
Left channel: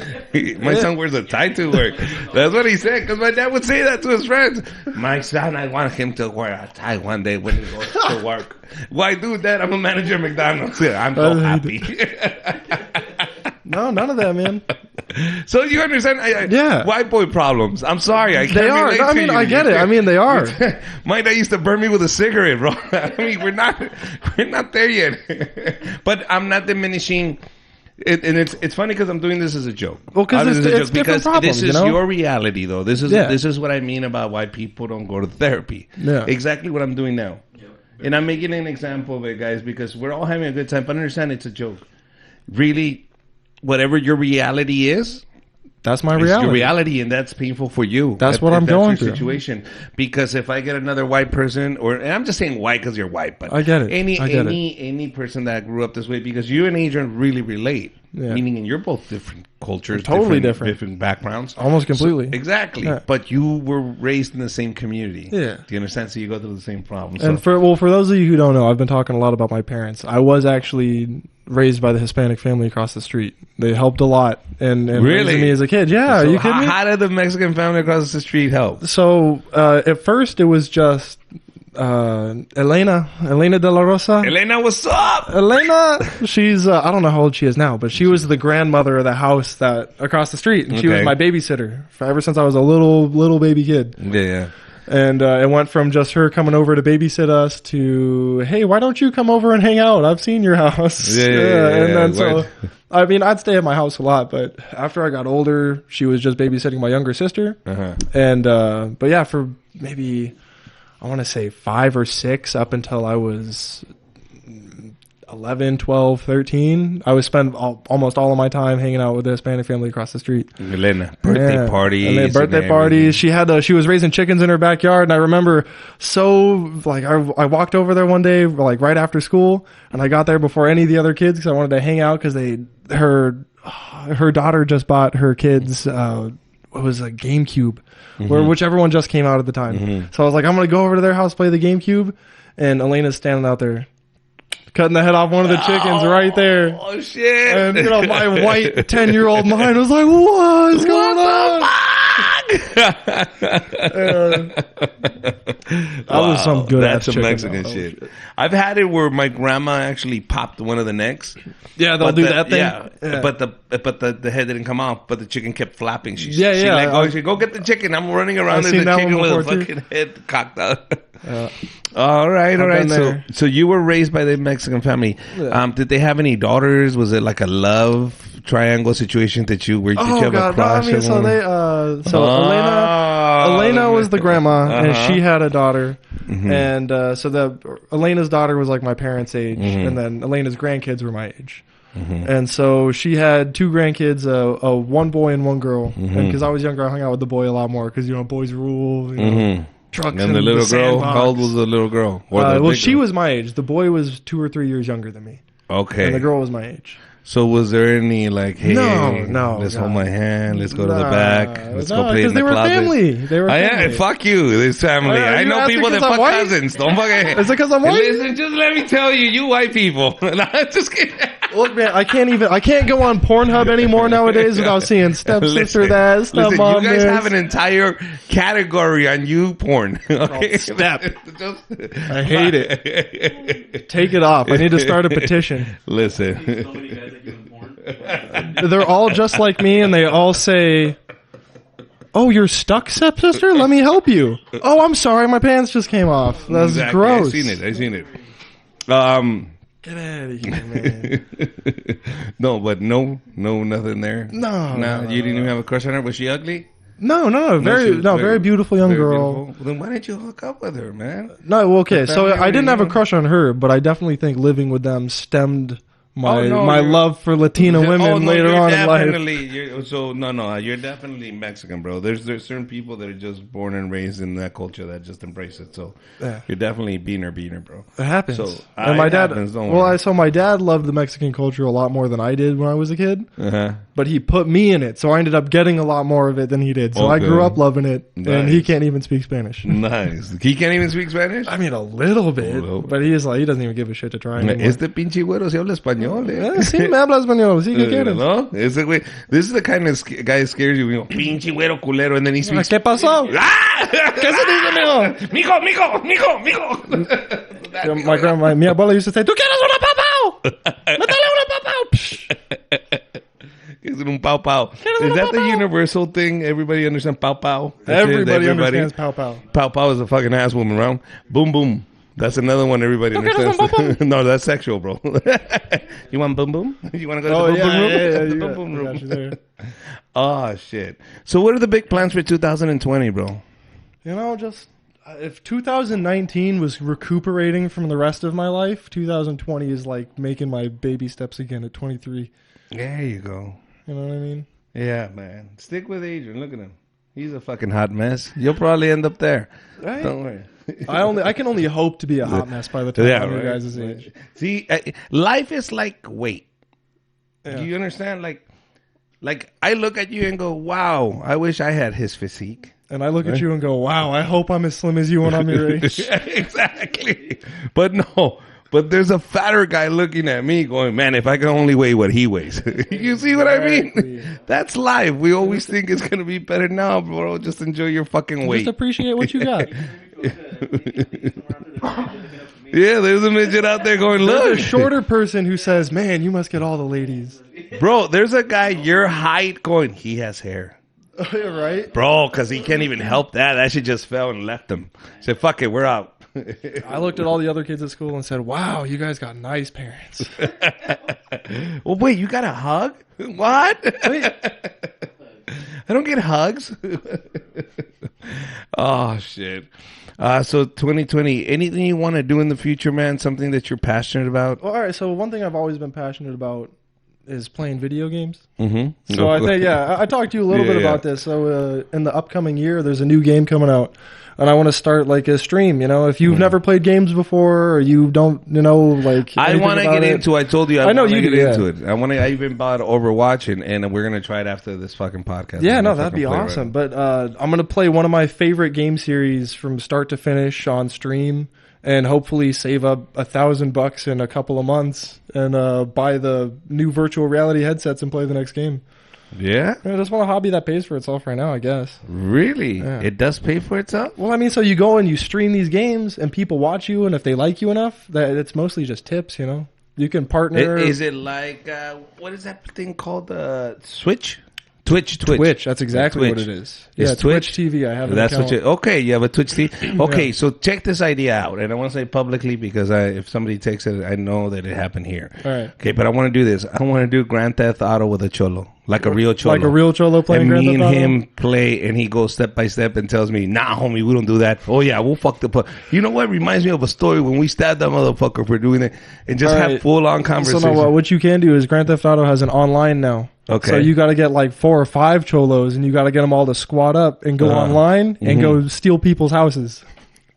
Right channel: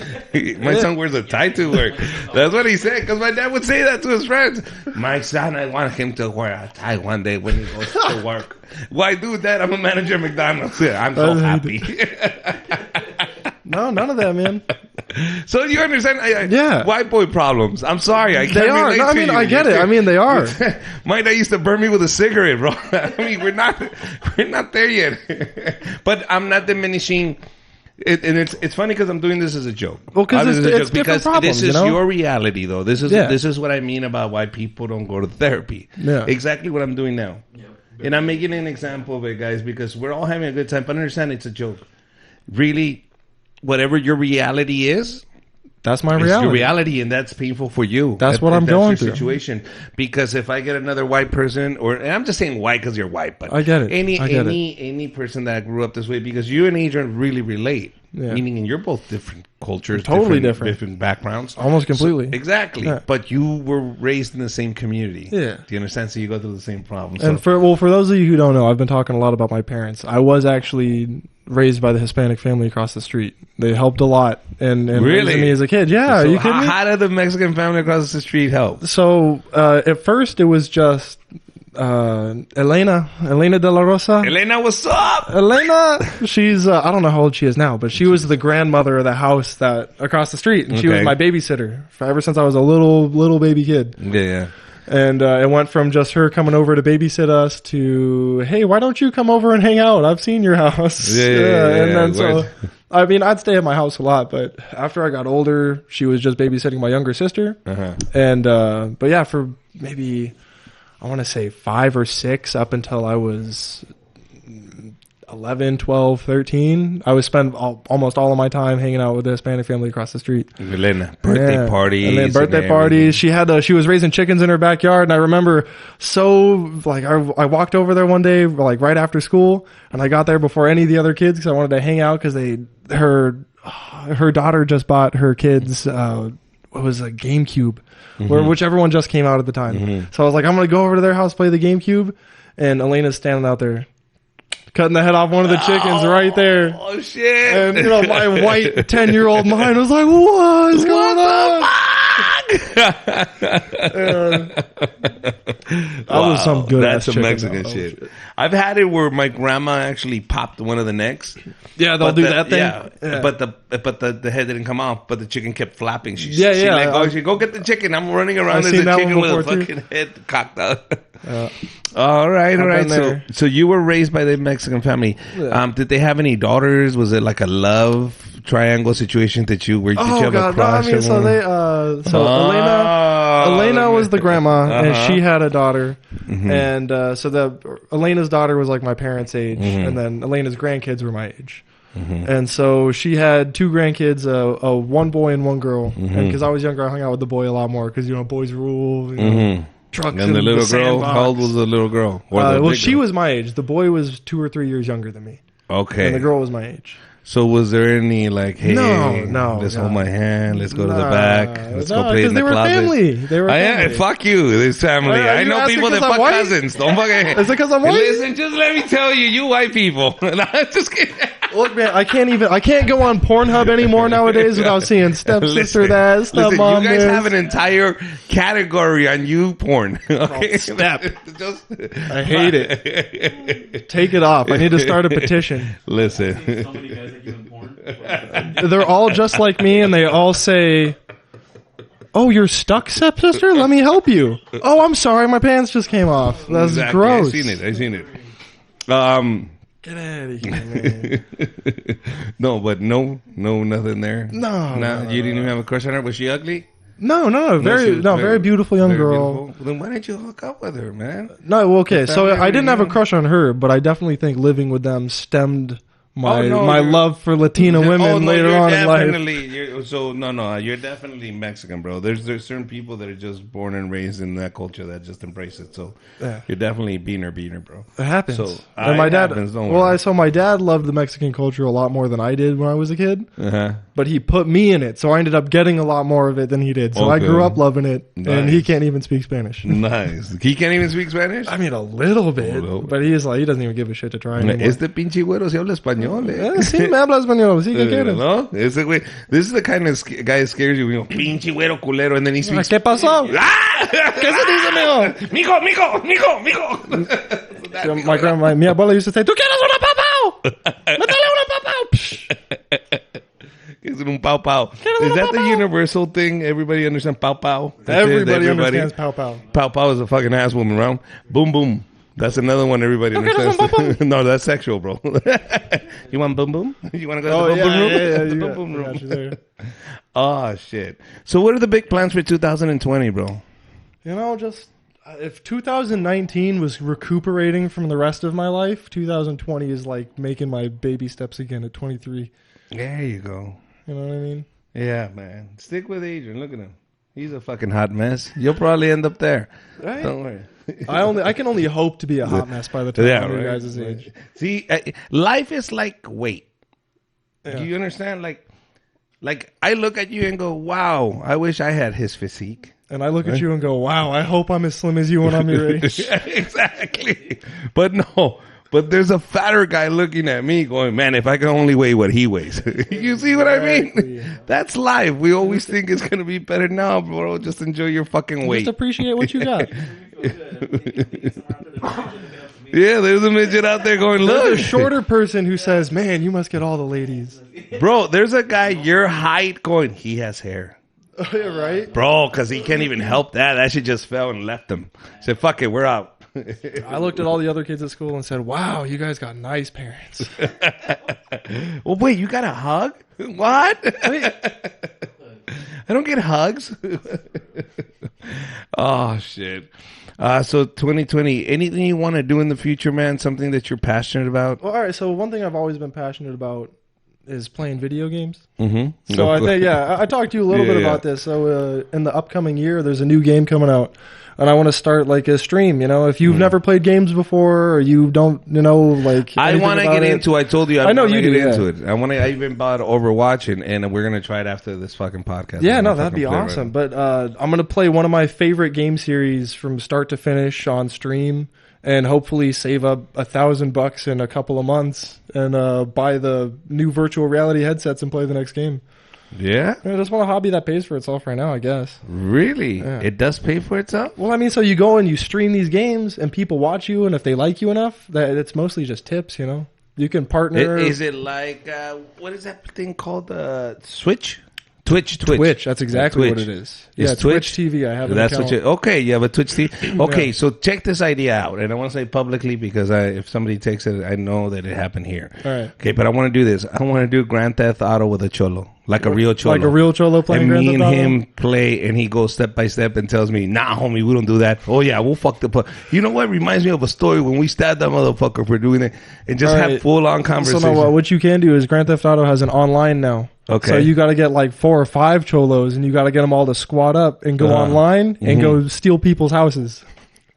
My son wears a tie to work. That's what he said, because my dad would say that to his friends. My son, I want him to wear a tie one day when he goes to work. Why, dude, Dad? I'm a manager at McDonald's. I'm so happy. So you understand white boy problems. I'm sorry, I can't relate to you. My dad used to burn me with a cigarette, bro. I mean, we're not there yet. But I'm not diminishing it, and it's funny because I'm doing this as a joke. Obviously, it's a joke because this is your reality, though. This is what I mean about why people don't go to therapy. Exactly what I'm doing now, and I'm making an example of it, guys, because we're all having a good time. But understand, it's a joke. Really, whatever your reality is your reality, and that's painful for you. That's your situation. Because if I get another white person, and I'm just saying white because you're white, but any person that grew up this way, because you and Adrian really relate, meaning you're both different cultures, different backgrounds. So exactly, but you were raised in the same community. Do you understand? So you go through the same problem. So. Really? So how did the Mexican family across the street help? So at first it was just Elena de la Rosa. Elena, what's up? She's I don't know how old she is now, but she was the granddaughter in the house across the street. Okay. She was my babysitter. Ever since I was a little baby kid. Yeah. And I went from just her coming over to babysit us to, hey, why don't you come over and hang out? I've seen your house. Yeah. What? I mean, I'd stay at my house a lot, but after I got older, she was just babysitting my younger sister. Uh-huh. And, but yeah, for maybe, I want to say 5 or 6 up until I was 11, 12, 13, I spent almost all of my time hanging out with their Hispanic family across the street. Elena, birthday parties and everything. She was raising chickens in her backyard. I remember I walked over there one day, like right after school. I got there before any of the other kids. So I wanted to hang out because her daughter just bought her kids. It was a GameCube, which everyone just came out at the time. So I was like, I'm going to go over to their house, play the GameCube. And Elena's standing out there. Cutting the head off one of the chickens right there. Oh, shit. And, like, 10-year-old boy was like, What the fuck? Wow, that's some Mexican shit. I've had it where my grandma actually popped one of the necks, but the head didn't come off, but the chicken kept flapping. She let go. She said, "Go get the chicken." I'm running around. There's a chicken with a fucking head cocked out. All right. So you were raised by the Mexican family. Did they have any daughters? Was it like a love triangle situation did you have a crush on one? And so Elena's daughter was like my parents' age, and Elena's grandkids were my age. And so she had 2 grandkids, one boy and one girl. Because I was younger, I hung out with the boy a lot more because boys rule. And the little girl, how old was the little girl or the big girl? She was my age. The boy was 2 or 3 years younger than me. Okay. The girl was my age. So was there any like, hey, let's hold my hand, let's go to the back, let's go play it in the closet? Fuck you, this family. I know people that fuck cousins. Don't fuck it. Hey, listen, just let me tell you, you white people. Just kidding. Listen, you guys have an entire category on you porn, okay? Just listen. Exactly, I seen it. No, but no, nothing there. Nah, you didn't even have a crush on her. Was she ugly? No, she was very, very beautiful. Well, then why didn't you hook up with her, man? The family already knew. Oh no, you're definitely you're definitely Mexican, bro. There's certain people that are just born and raised in that culture that just embrace it. So you're definitely beaner, bro. So it happens. Don't worry. My dad loved the Mexican culture a lot more than I did when I was a kid. But he put me in it, so I ended up getting a lot more of it than he did. So Okay. Nice. He can't even speak Spanish. Nice. He can't even speak Spanish. He doesn't even give a shit to try. Este pinche güero se habla español, ¿No? Ese güey. This is the kind of guy that scares you. Pinche güero culero, and then he speaks. Mijo. Dad, mijo. It's un pow pow. Is that the universal thing? Everybody understand pow pow? That's it. Everybody. Pow pow is a fucking ass woman around. Boom boom. That's another one everybody understands. No, that's sexual, bro. You want boom boom? You want to go to the boom boom room? The boom boom room. Oh shit. So what are the big plans for 2020, bro? Just if 2019 was recuperating from the rest of my life, 2020 is like making my baby steps again at 23. There you go. You know what I mean? Yeah, man. Stick with Adrian. Look at him. He's a fucking hot mess. You'll probably end up there. Don't worry. I only hope to be a hot mess, Yeah, right. See, life is like weight. Do you understand? Like I look at you and go, "Wow, I wish I had his physique." And I look at you and go, "Wow, I hope I'm as slim as you are." Exactly. But there's a fatter guy looking at me going, man, if I could only weigh what he weighs. You see what I mean? That's life. We always think it's going to be better now, bro. Just enjoy your fucking weight. Yeah, there's a midget out there going, look. Bro, there's a guy your height going, he has hair. Bro, because he can't even help that. That shit just fell and left him. Said, fuck it, we're out. I looked at all the other kids at school and said, wow, you guys got nice parents. Well, wait, you got a hug? What? I don't get hugs. Oh, shit. So 2020, anything you want to do in the future, man? Something that you're passionate about? All right, so one thing I've Mm-hmm. Of course. Yeah, I talked to you Yeah. about this. In the upcoming year, there's a new game coming out. I'm going to start like a stream. If you've never played games before, you don't, I want to get into. I told you I want to get into it. I even bought Overwatch, and we're gonna try it after this fucking podcast. We're gonna fucking play right now. But, I'm going to play one of my favorite game series from start to finish on stream, and hopefully save up $1,000 in a couple of months, and buy the new virtual reality headsets and play the next game. Yeah. It's not a hobby that pays for itself right now, I guess. Really? It does pay for itself? Well, I mean, so you go and you stream these games, and people watch you, and if they like you enough, then it's mostly just tips, you know? You can partner. Is it like what is that thing called? Switch? Twitch. Like Twitch. Is Twitch? That's what you. Okay, you have a Twitch TV. Okay, so check this idea out, and I want to say publicly because if somebody takes it, I know that it happened here. Okay, but I want to do this. I want to do Grand Theft Auto with a cholo, like a real cholo, and me and him play, and he goes step by step and tells me, "Nah, homie, we don't do that. Oh yeah, we'll fuck the. You know what? Reminds me of a story when we stabbed that motherfucker for doing it, and just have full on conversation." What you can do is Grand Theft Auto is online now. Okay. You gotta get like 4 or 5 cholos, and you gotta get them all to squad up. And online, steal people's houses.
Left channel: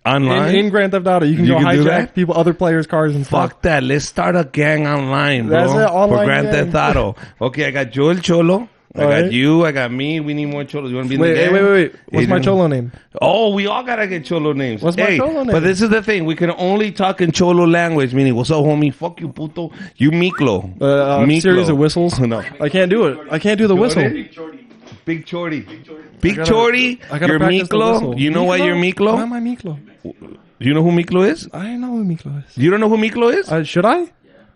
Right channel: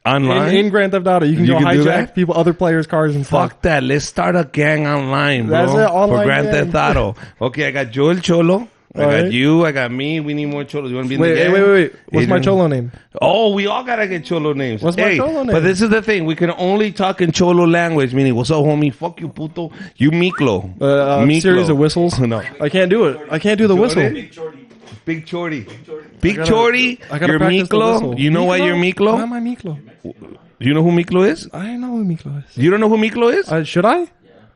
Online? In Grand Theft Auto, You can do that? people, other players' cars. Fuck that. Let's start a gang online, bro, for Grand Theft Auto. Okay, I got Joel Cholo. I got you. I got me. We need more cholos. You want to be in the gang? Adrian? Oh, we all got to get cholo names. Hey, but this is the thing. We can only talk in cholo language, meaning, what's up, homie? Fuck you, puto. You Miklo. No. Jordan? Big Chorty. Big Chorty, you're Miklo. You know why you're Miklo? You know who Miklo is? You don't know who Miklo is?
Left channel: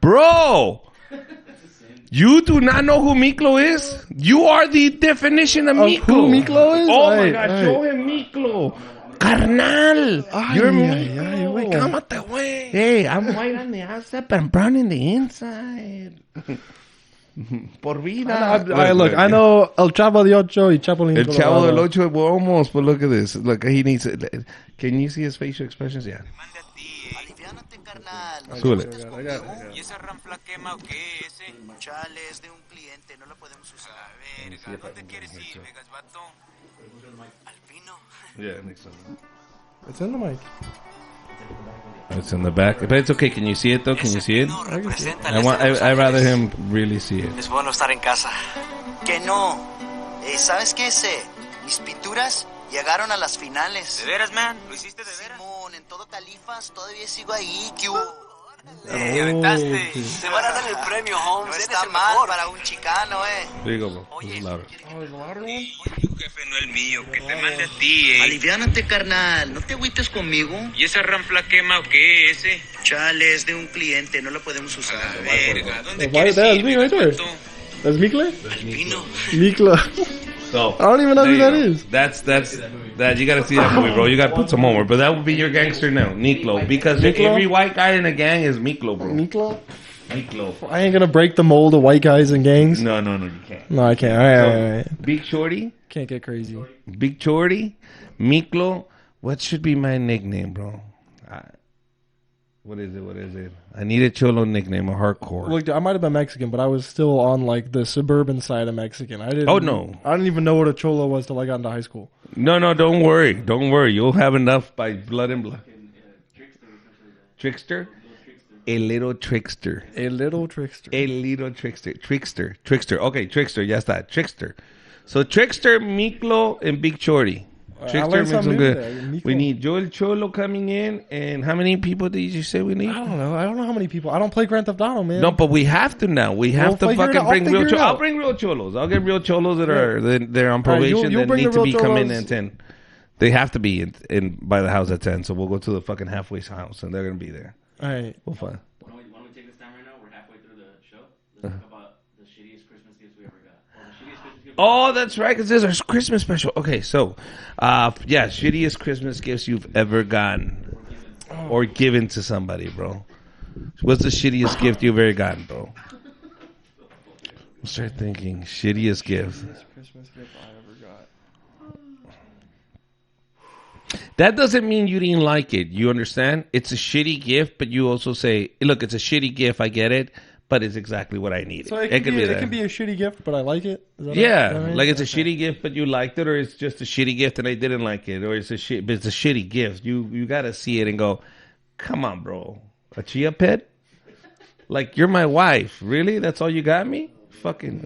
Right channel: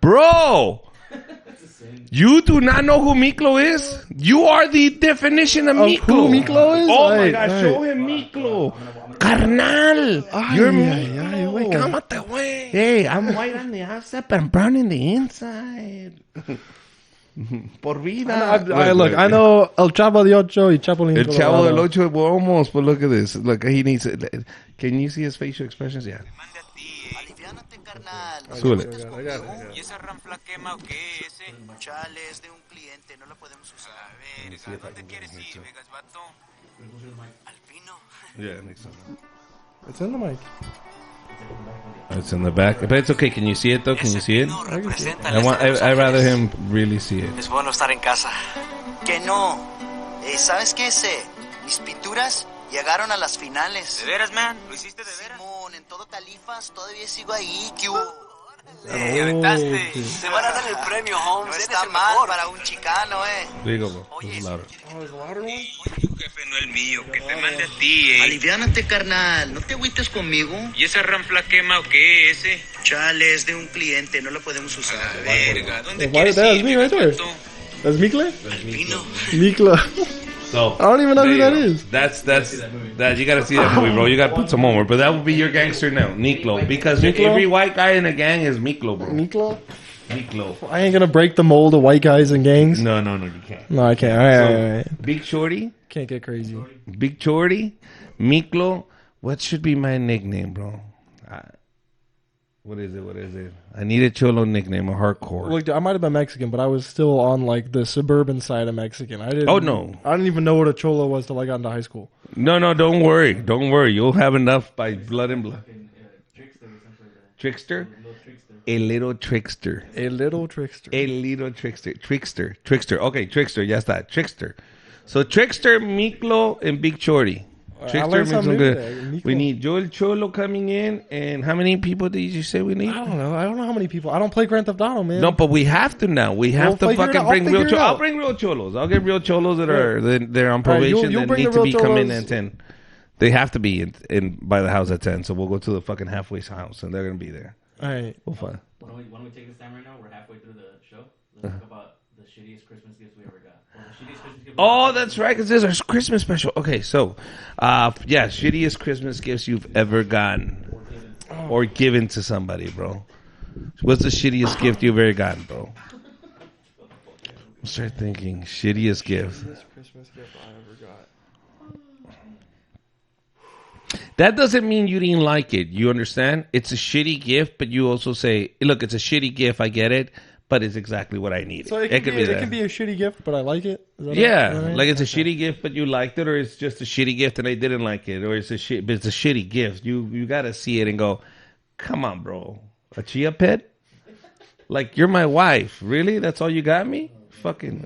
Bro! You do not know who Miklo is? You are the definition of Miklo. Oh my God, show him Miklo. Carnal, you're Miklo. Hey, I'm white on the outside, but I'm brown in the inside. Por vida. Look. El Chavo del Ocho, we're almost, but look at this. Look, he needs it. Can you see his facial expressions? Yeah. Súbele. Let me see if I can get him here too. Yeah, next one. It's in the back, but it's okay. Can you see it though? Can you see it? I'd rather him really see it. There you go, bro. This is louder. Tu jefe no el mío, que te mande a ti, Aliviánate, carnal. No te agüites conmigo. ¿Y esa ranfla quema o qué ese? Chale, es de un cliente. No la podemos A usar. la verga, ¿dónde quieres ir, Vegas, vato? Alpino. So, there you go. That's that. You got to see that movie, bro. You got to put some homework. But that will be your gangster now, Miklo. Because every white guy in a gang is Miklo, bro. Miklo. Okay. No, you can't. You can't. So, Big Shorty, Miklo. What should be my nickname, bro? What is it? I need a cholo nickname, a hardcore. I might have been Mexican, but I was still on like the suburban side of Mexican. Oh, no. I didn't even know what a cholo was until I got into high school. No, don't worry. You'll have enough by blood and blood. Trickster? A little trickster. Trickster. Okay, Trickster. Ya está. Trickster. So Trickster, Miklo, and Big Shorty. Trickster makes them good. We need Joel Cholo coming in. And how many people did you say we need? No, but we have to now. We have to fucking bring real cholos. I'll bring real cholos. I'll get real cholos they're on probation that need to be come in at 10. They have to be in by the house at 10. So we'll go to the fucking halfway house and they're going to be there. We'll find. Why don't we take this time right now? We're halfway through the show. Let's talk about the shittiest Christmas gifts we ever got. Or the shittiest Christmas gift Oh, that's right, because this is our Christmas special. Okay, so, yeah, shittiest Christmas gifts you've ever gotten or given to somebody, bro. What's the shittiest gift you've ever gotten, bro? I'll start thinking. Shittiest gift. That doesn't mean you didn't like it. You understand? It's a shitty gift, but you also say, look, it's a shitty gift. I get it, but it's exactly what I needed. It could be that. It'd be a shitty gift, but I like Yeah, like it's a shitty gift, but you liked it, or it's just a shitty gift and I didn't like it, or it's a shit, but it's a shitty gift. You got to see it and go, come on, bro, a chia pet? Like, you're my wife, really? That's all you got me? Fucking,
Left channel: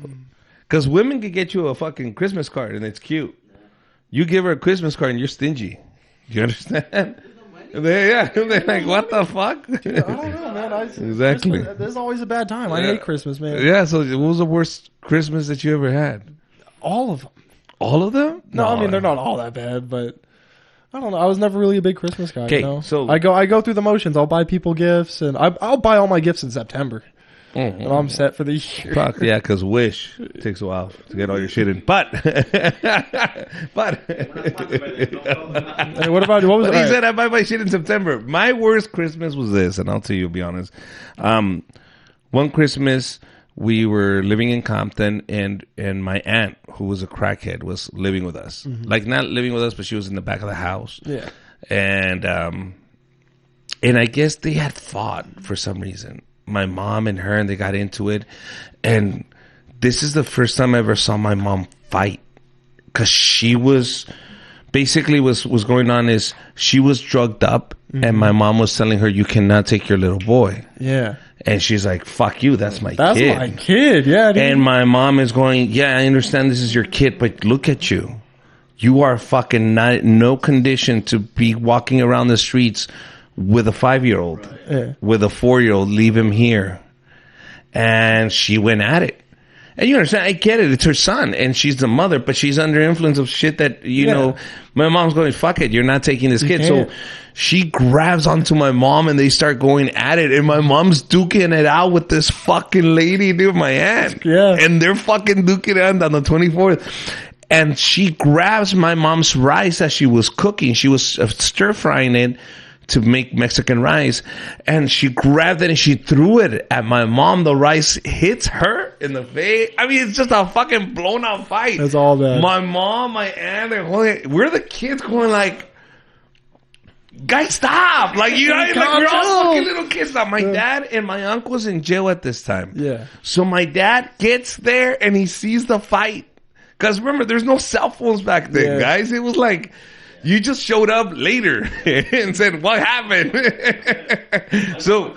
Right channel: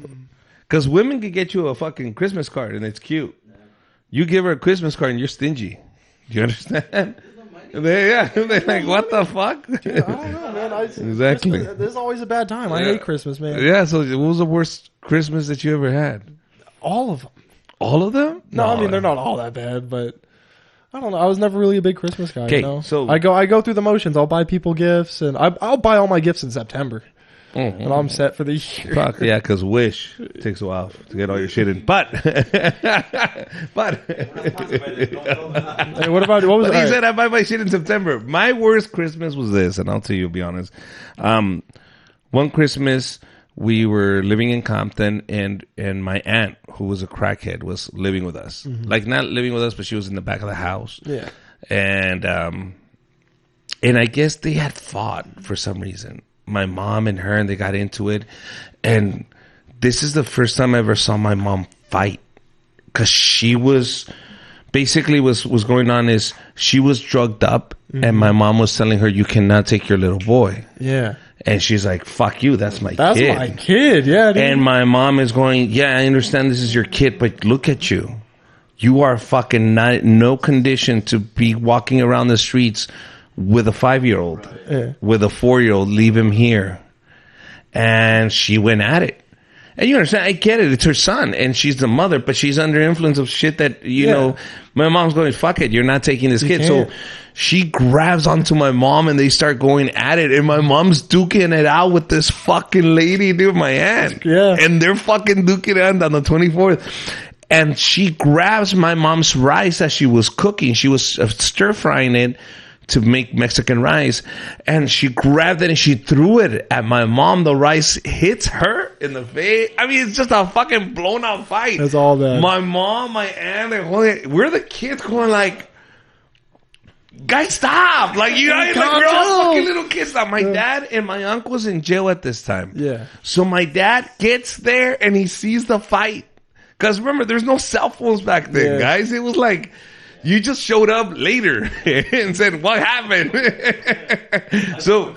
because women can get you a fucking Christmas card and it's cute. You give her a Christmas card and you're stingy. Do you understand? They're like, what the fuck? Exactly. There's always a bad time Yeah. at Christmas. Man. Yeah, so what was the worst Christmas that you ever had? All of them. All of them? No. They're not all that bad, but I don't know. I was never really a big Christmas fan. Okay, so I go through the motions. I'll buy people gifts, and I'll buy all my gifts in September. mhm. Except for these. Fuck yeah, because Wish takes a while to get all your shit in. But but he said I buy my shit in September. My worst Christmas was this, and I'll tell you, to be honest. One Christmas we were living in Compton, and my aunt, who was a crackhead, was living with us. Like, not living with us, but she was in the back of the house. And I guess they had fought for some reason. My mom and her, and they got into it. And this is the first time I ever saw my mom fight. Because she was, basically was going on is, she was drugged up, and my mom was telling her, you cannot take your little boy. Yeah. And she's like, fuck you, that's my kid. Kid, yeah. And my mom is going, yeah, I understand this is your kid, but look at you. You are fucking not, no condition to be walking around the streets with a 5-year-old, with a 4-year-old. Leave him here. And she went at it. And you understand, I get it. It's her son, and she's the mother, but she's under influence of shit that, my mom's going, fuck it, you're not taking this kid. So she grabs onto my mom, and they start going at it, and my mom's duking it out with this fucking lady, dude, my aunt. And they're fucking duking it out on the 24th. And she grabs my mom's rice that she was cooking. She was stir-frying it to make Mexican rice, and she grabbed it and she threw it at my mom. The rice hits her in the face. I mean, it's just a fucking blown out fight. My mom, my aunt, we're the kids going like, guys, stop. Like, like we're all fucking little kids now. My dad and my uncle's in jail at this time. So my dad gets there and he sees the fight. Because remember, there's no cell phones back then, guys. It was like, you just showed up later and said, what happened? So,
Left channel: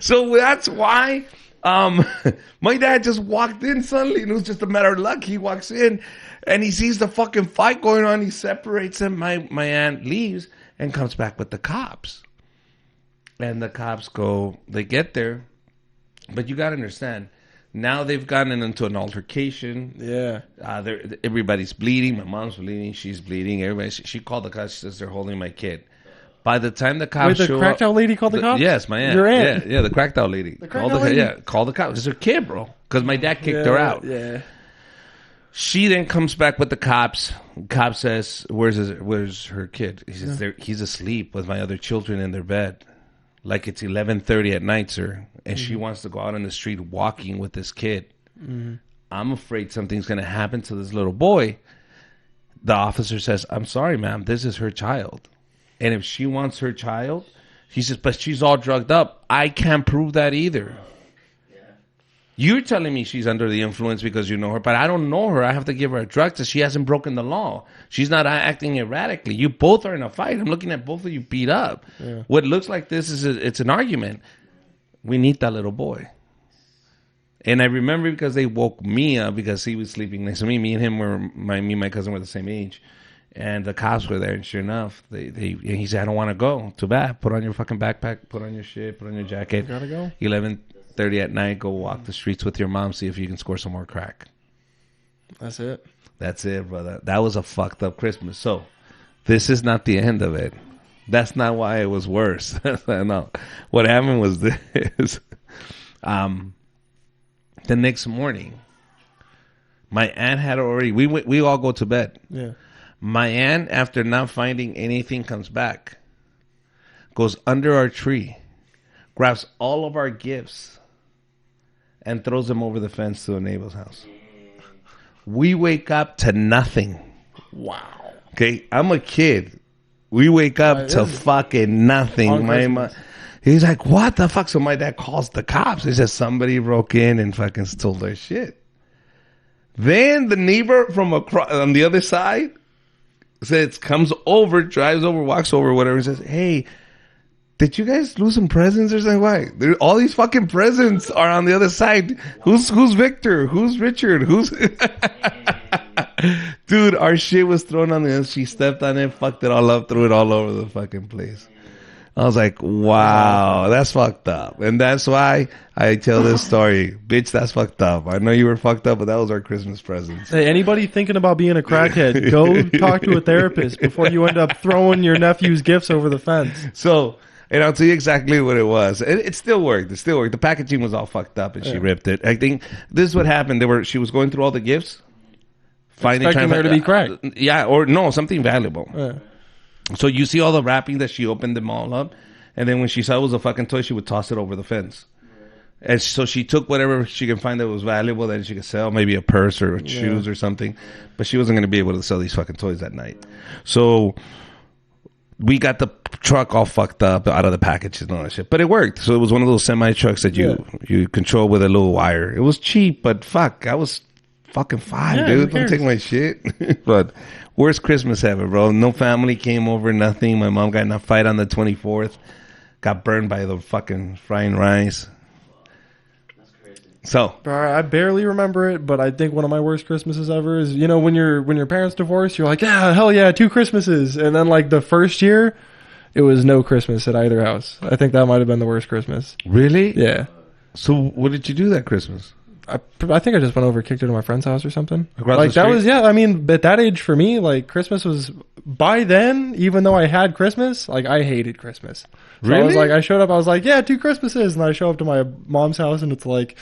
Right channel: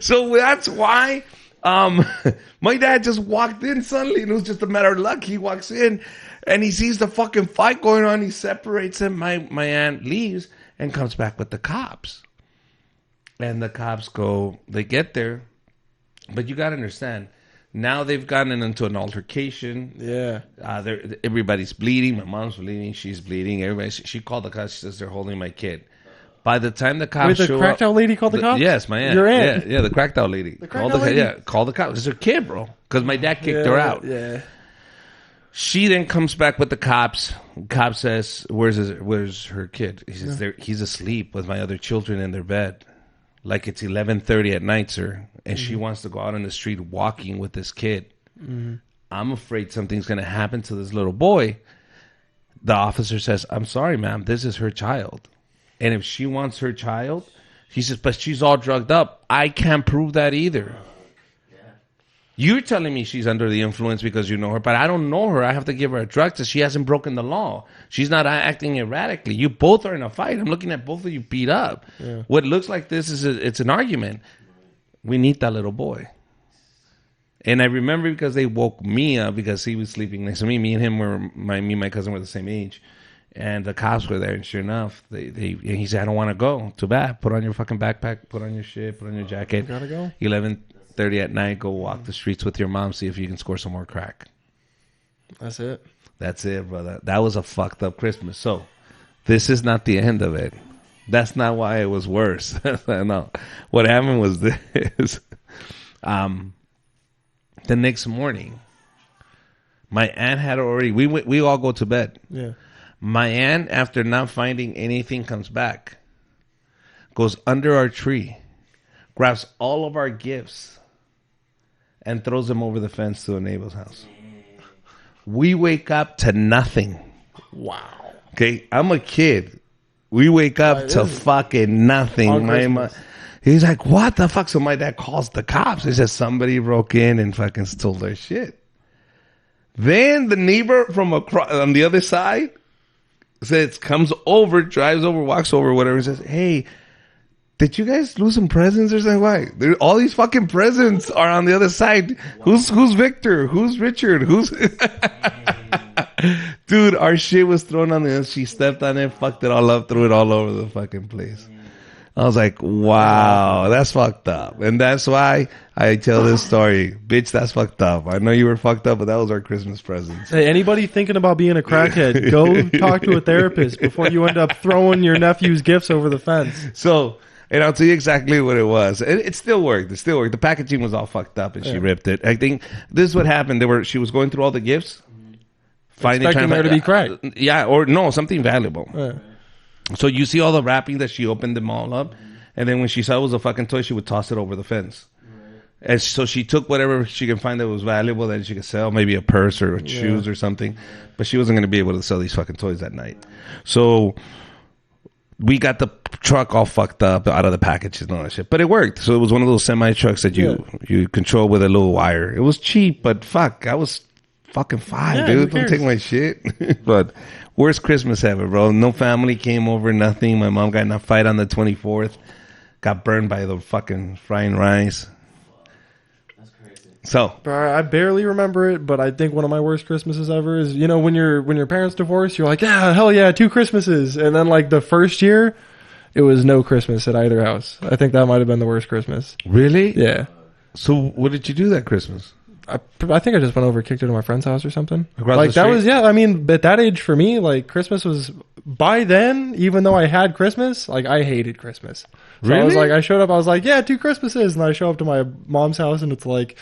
so that's why my dad just walked in suddenly, and it was just a matter of luck. He walks in, and he sees the fucking fight going on. He separates him. My aunt leaves and comes back with the cops. And the cops they get there. But you got to understand, now they've gotten into an altercation. Everybody's bleeding. My mom's bleeding. She's bleeding. She called the cops. She says they're holding my kid. By the time the cops show up, yes, my aunt, yeah, the cracked out lady call the cops. It's her kid, bro, because my dad kicked her out. She then comes back with the cops. Cop says, "Where's her kid?" He says, "He's asleep with my other children in their bed. Like it's 11:30 at night, sir, and she wants to go out on the street walking with this kid. I'm afraid something's going to happen to this little boy." The officer says, "I'm sorry, ma'am. This is her child. And if she wants her child," he says, "but she's all drugged up. I can't prove that either. You're telling me she's under the influence because you know her, but I don't know her. I have to give her a drug test. She hasn't broken the law. She's not acting erratically. You both are in a fight. I'm looking at both of you beat up. What looks like this is it's an argument. We need that little boy." And I remember because they woke me up because he was sleeping next to me. Me and him me and my cousin were the same age. And the cops were there, and sure enough, and he said, "I don't want to go. Too bad. Put on your fucking backpack, put on your shit, put on your jacket. 11:30 at night, go walk the streets with your mom, see if you can score some more crack." That's it, brother. That was a fucked up Christmas. So, this is not the end of it. That's not why it was worse. No. What happened was this. The next morning, my aunt had already, we all go to bed. My aunt, after not finding anything, comes back, goes under our tree, grabs all of our gifts, and throws them over the fence to a neighbor's house. We wake up to nothing. Okay, I'm a kid. We wake up to fucking nothing. He's like, "What the fuck?" So my dad calls the cops. He says somebody broke in and fucking stole their shit. Then the neighbor from across on the other side comes over, drives over, walks over, whatever, and says, "Hey, did you guys lose some presents or something? Why? All these fucking presents are on the other side. Who's Victor? Who's Richard? Who's..." Dude, our shit was thrown on the... She stepped on it, fucked it all up, threw it all over the fucking place. I was like, wow, that's fucked up. And that's why I tell this story. Bitch, that's fucked up. I know you were fucked up, but that was our Christmas presents. Hey, anybody thinking about being a contact, go talk to a therapist before you end up throwing your nephew's gifts over the fence. So, and I'll tell you exactly what it was. It still worked. It still worked. The packaging was all fucked up and she ripped it. I think this is what happened. She was going through all the gifts, trying to find, or no, something valuable. So you see all the wrapping that she opened them all up, and then when she saw it was a fucking toy, she would toss it over the fence. And so she took whatever she can find that was valuable that she could sell, maybe a purse or shoes or something, but she wasn't going to be able to sell these fucking toys that night. So we got the truck all fucked up out of the packages and all that shit, but it worked. So it was one of those semi trucks that you control with a little wire. It was cheap, but fuck, I was fucking 5, dude. Don't take my shit. But worst Christmas ever, bro. No family came over, nothing. My mom got in a fight on the 24th. Got burned by the fucking frying rice. That's crazy. So I barely remember it, but I think one of my worst Christmases ever is, you know, when your parents divorce, you're like, yeah, hell yeah, 2 Christmases. And then, like, the first year, it was no Christmas in either house. I think that might have been the worst Christmas. really? Yeah. So what did you do that Christmas? I think I got found over kicking my friend's house or something. Across the street? Yeah, I mean, at that age for me, like, Christmas was, by then, even though I had Christmas, like, I hated Christmas. Really? Like, I showed up, I was like, yeah, 2 Christmases. And I show up to my mom's house, and it's like,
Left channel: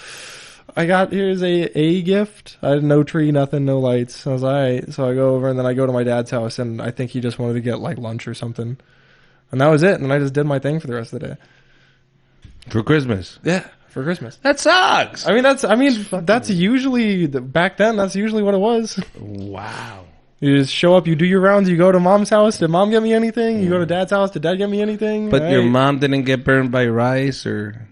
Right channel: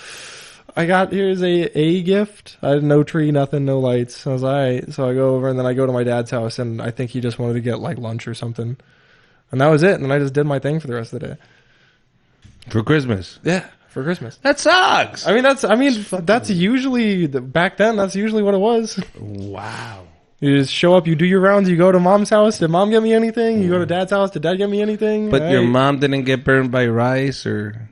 I got, here's a gift. I had no tree, nothing, no lights. I was like, all right. So I go over, and then I go to my dad's house, and I think he just wanted to get, like, lunch or something. And that was it, and I just did my thing for the rest of the day. For Christmas? Yeah, for Christmas. That sucks. I mean, that's usually, back then, that's usually what it was. Wow. You just show up, you do your round, you go to mom's house, did mom give me anything? You go to dad's house, did dad give me anything? But your mom didn't get burned by rice or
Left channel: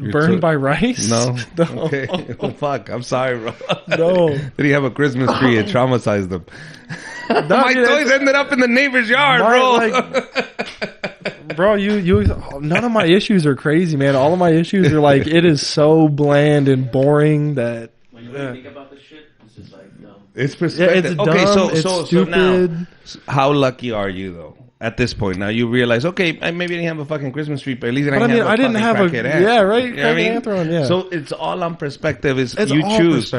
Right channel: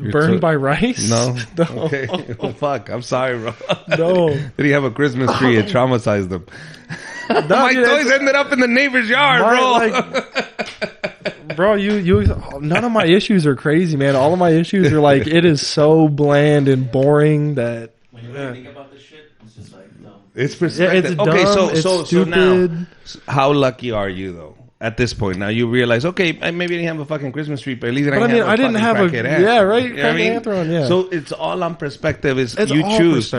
your Burned by rice? No? Okay. Well, fuck. I'm sorry, bro. Did he have a Christmas tree? It traumatized him. My toys ended up in the neighbor's yard, bro. Bro, none of my issues are crazy. None of my issues is so bland and boring that When you really think about this shit, it's just like, no. It's perspective. Okay, so now, how lucky are you, though? At this point, now you realize, okay, I maybe didn't have a fucking Christmas tree, but at least I didn't have a fucking crackhead aunt. You know what I mean? So it's all on perspective. Is you choose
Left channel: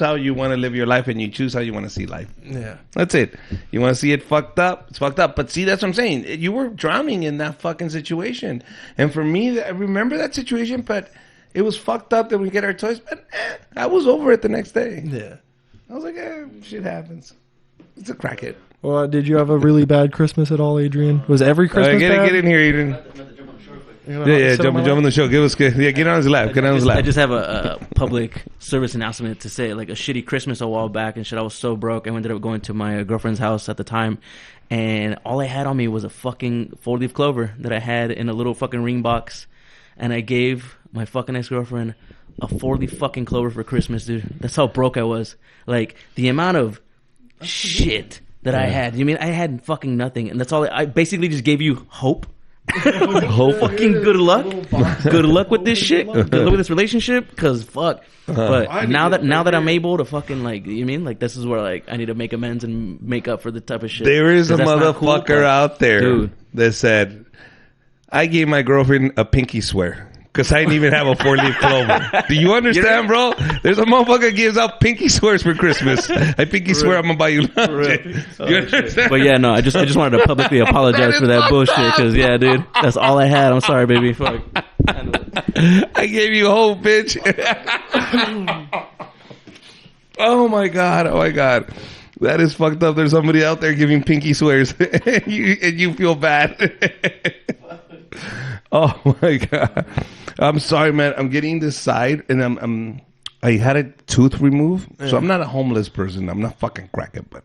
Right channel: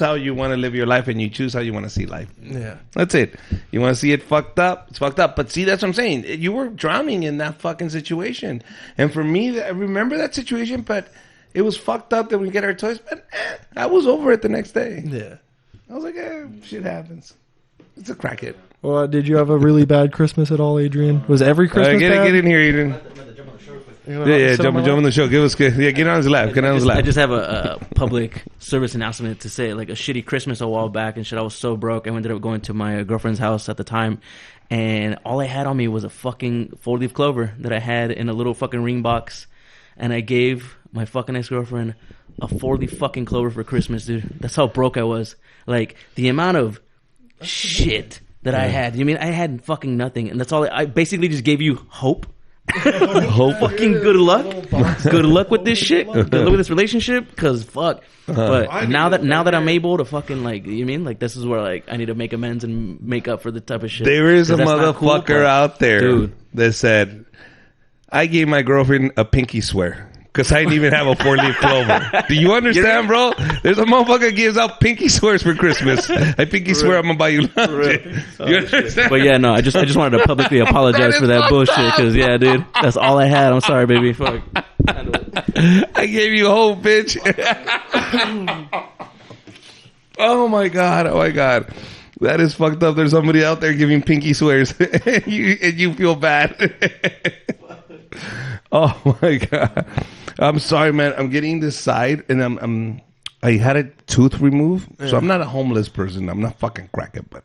how you want to live your life, and you choose how you want to see life. That's it. You want to see it fucked up? It's fucked up. But see, that's what I'm saying. You were drowning in that fucking situation. And for me, I remember that situation, but it was fucked up that we get our toys. But I was over it the next day. I was like, shit happens. It's a crackhead. did you ever really buy Christmas at all? All right, get in here, Eden. Yeah, jump on the show. Get on his lap. Public service announcement to say like a shitty Christmas a while back, and she was so broke. I ended up going to my girlfriend's house at the time, and all I had on me was a fucking folded clover that I had in a little fucking ring box, and I gave my fucking ex-girlfriend a folded fucking clover for Christmas, dude. That's how broke I was. Like the amount of shit that I had. I mean, I had fucking nothing, and that's all. I basically just gave you hope. Hope. Relationship, because fuck. Now that I'm able to fucking like, you mean like this is where like I need to make amends and make up for the type of shit. There is a motherfucker out there that said, I gave my girlfriend a pinky swear because I didn't even have a 4-leaf clover. Do you understand, bro? There's a motherfucker gives out pinky swears for Christmas. I pinky swear I'm gonna buy you lunch. Do you understand? That is fucked up. I gave you hope, bitch. Oh my god. That is fucked up. There's somebody out there giving pinky swears and you feel bad. Oh my god. I'm sorry, man. I'm getting this side and I had a tooth removed, so I'm not a homeless person. I'm not fucking cracking, but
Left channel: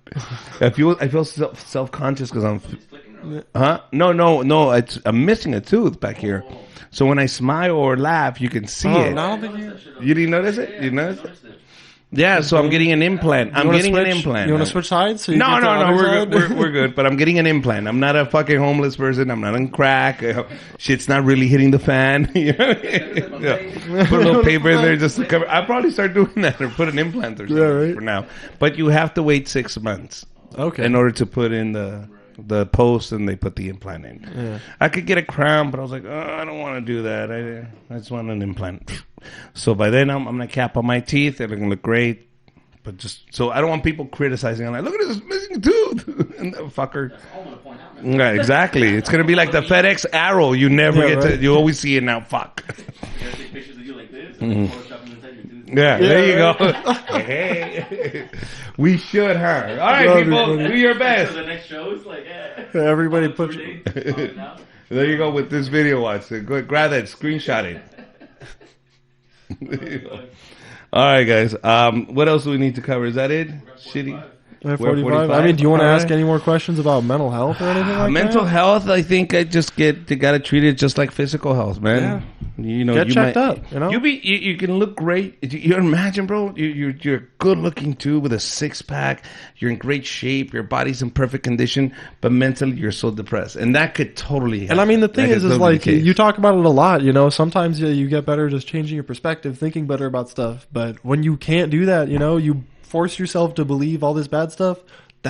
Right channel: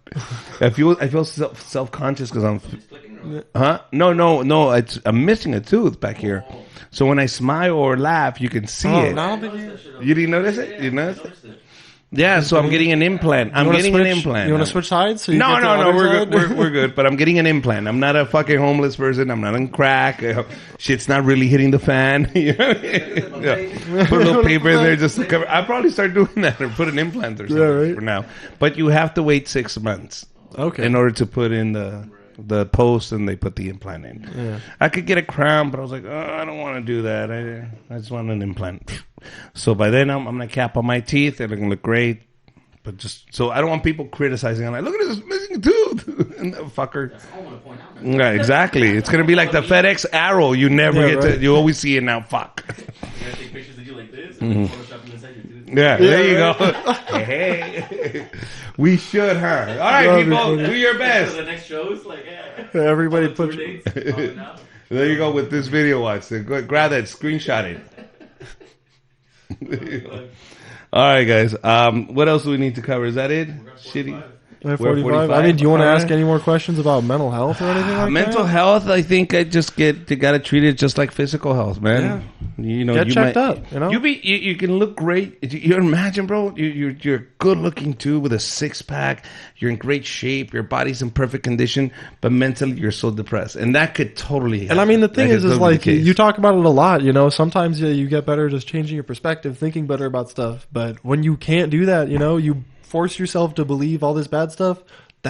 I feel self-conscious because I'm No. I'm missing a tooth back here. So when I smile or laugh, you can see it. You didn't notice it? You noticed it? Yeah, so I'm getting an implant. No, we're good. We're good. But I'm getting an implant. I'm not a fucking homeless person. I'm not on crack. Shit's not really hitting the fan. You know? Yeah. Put a little paper in there just to cover. I'll probably start doing that or put an implant or something for now. But you have to wait 6 months in order to put in the post and they put the implant in. I could get a crown, but I was like, oh, I don't want to do that. I just want an implant. So by then, I'm going to cap on my teeth. They're going to look great. But just so I don't want people criticizing. I'm like, look at this missing tooth. And the fucker. Yeah, exactly. It's going to be like the FedEx arrow. You never get to, you always see it now. Fuck. Yeah, there you go. Hey. We should, huh? All right, people. Do your best. The next shows, like, all the tour dates. There you go with this video. Watch. So go grab that, screenshot it. There you go. All right, guys. What else do we need to cover? Is that it? Shitty. We're 45. All right. Mental health. I think you gotta treat it just like physical health, man. You know, you can look great. You imagine, bro, you're good looking too with a 6-pack. You're in great shape. Your body's in perfect condition, but mentally you're so depressed, and that could totally happen. That could totally be the case. You talk about it a lot, you know. Sometimes you get better just changing your perspective, thinking better about stuff. But when you can't do that, you know, you force yourself to believe all this bad stuff.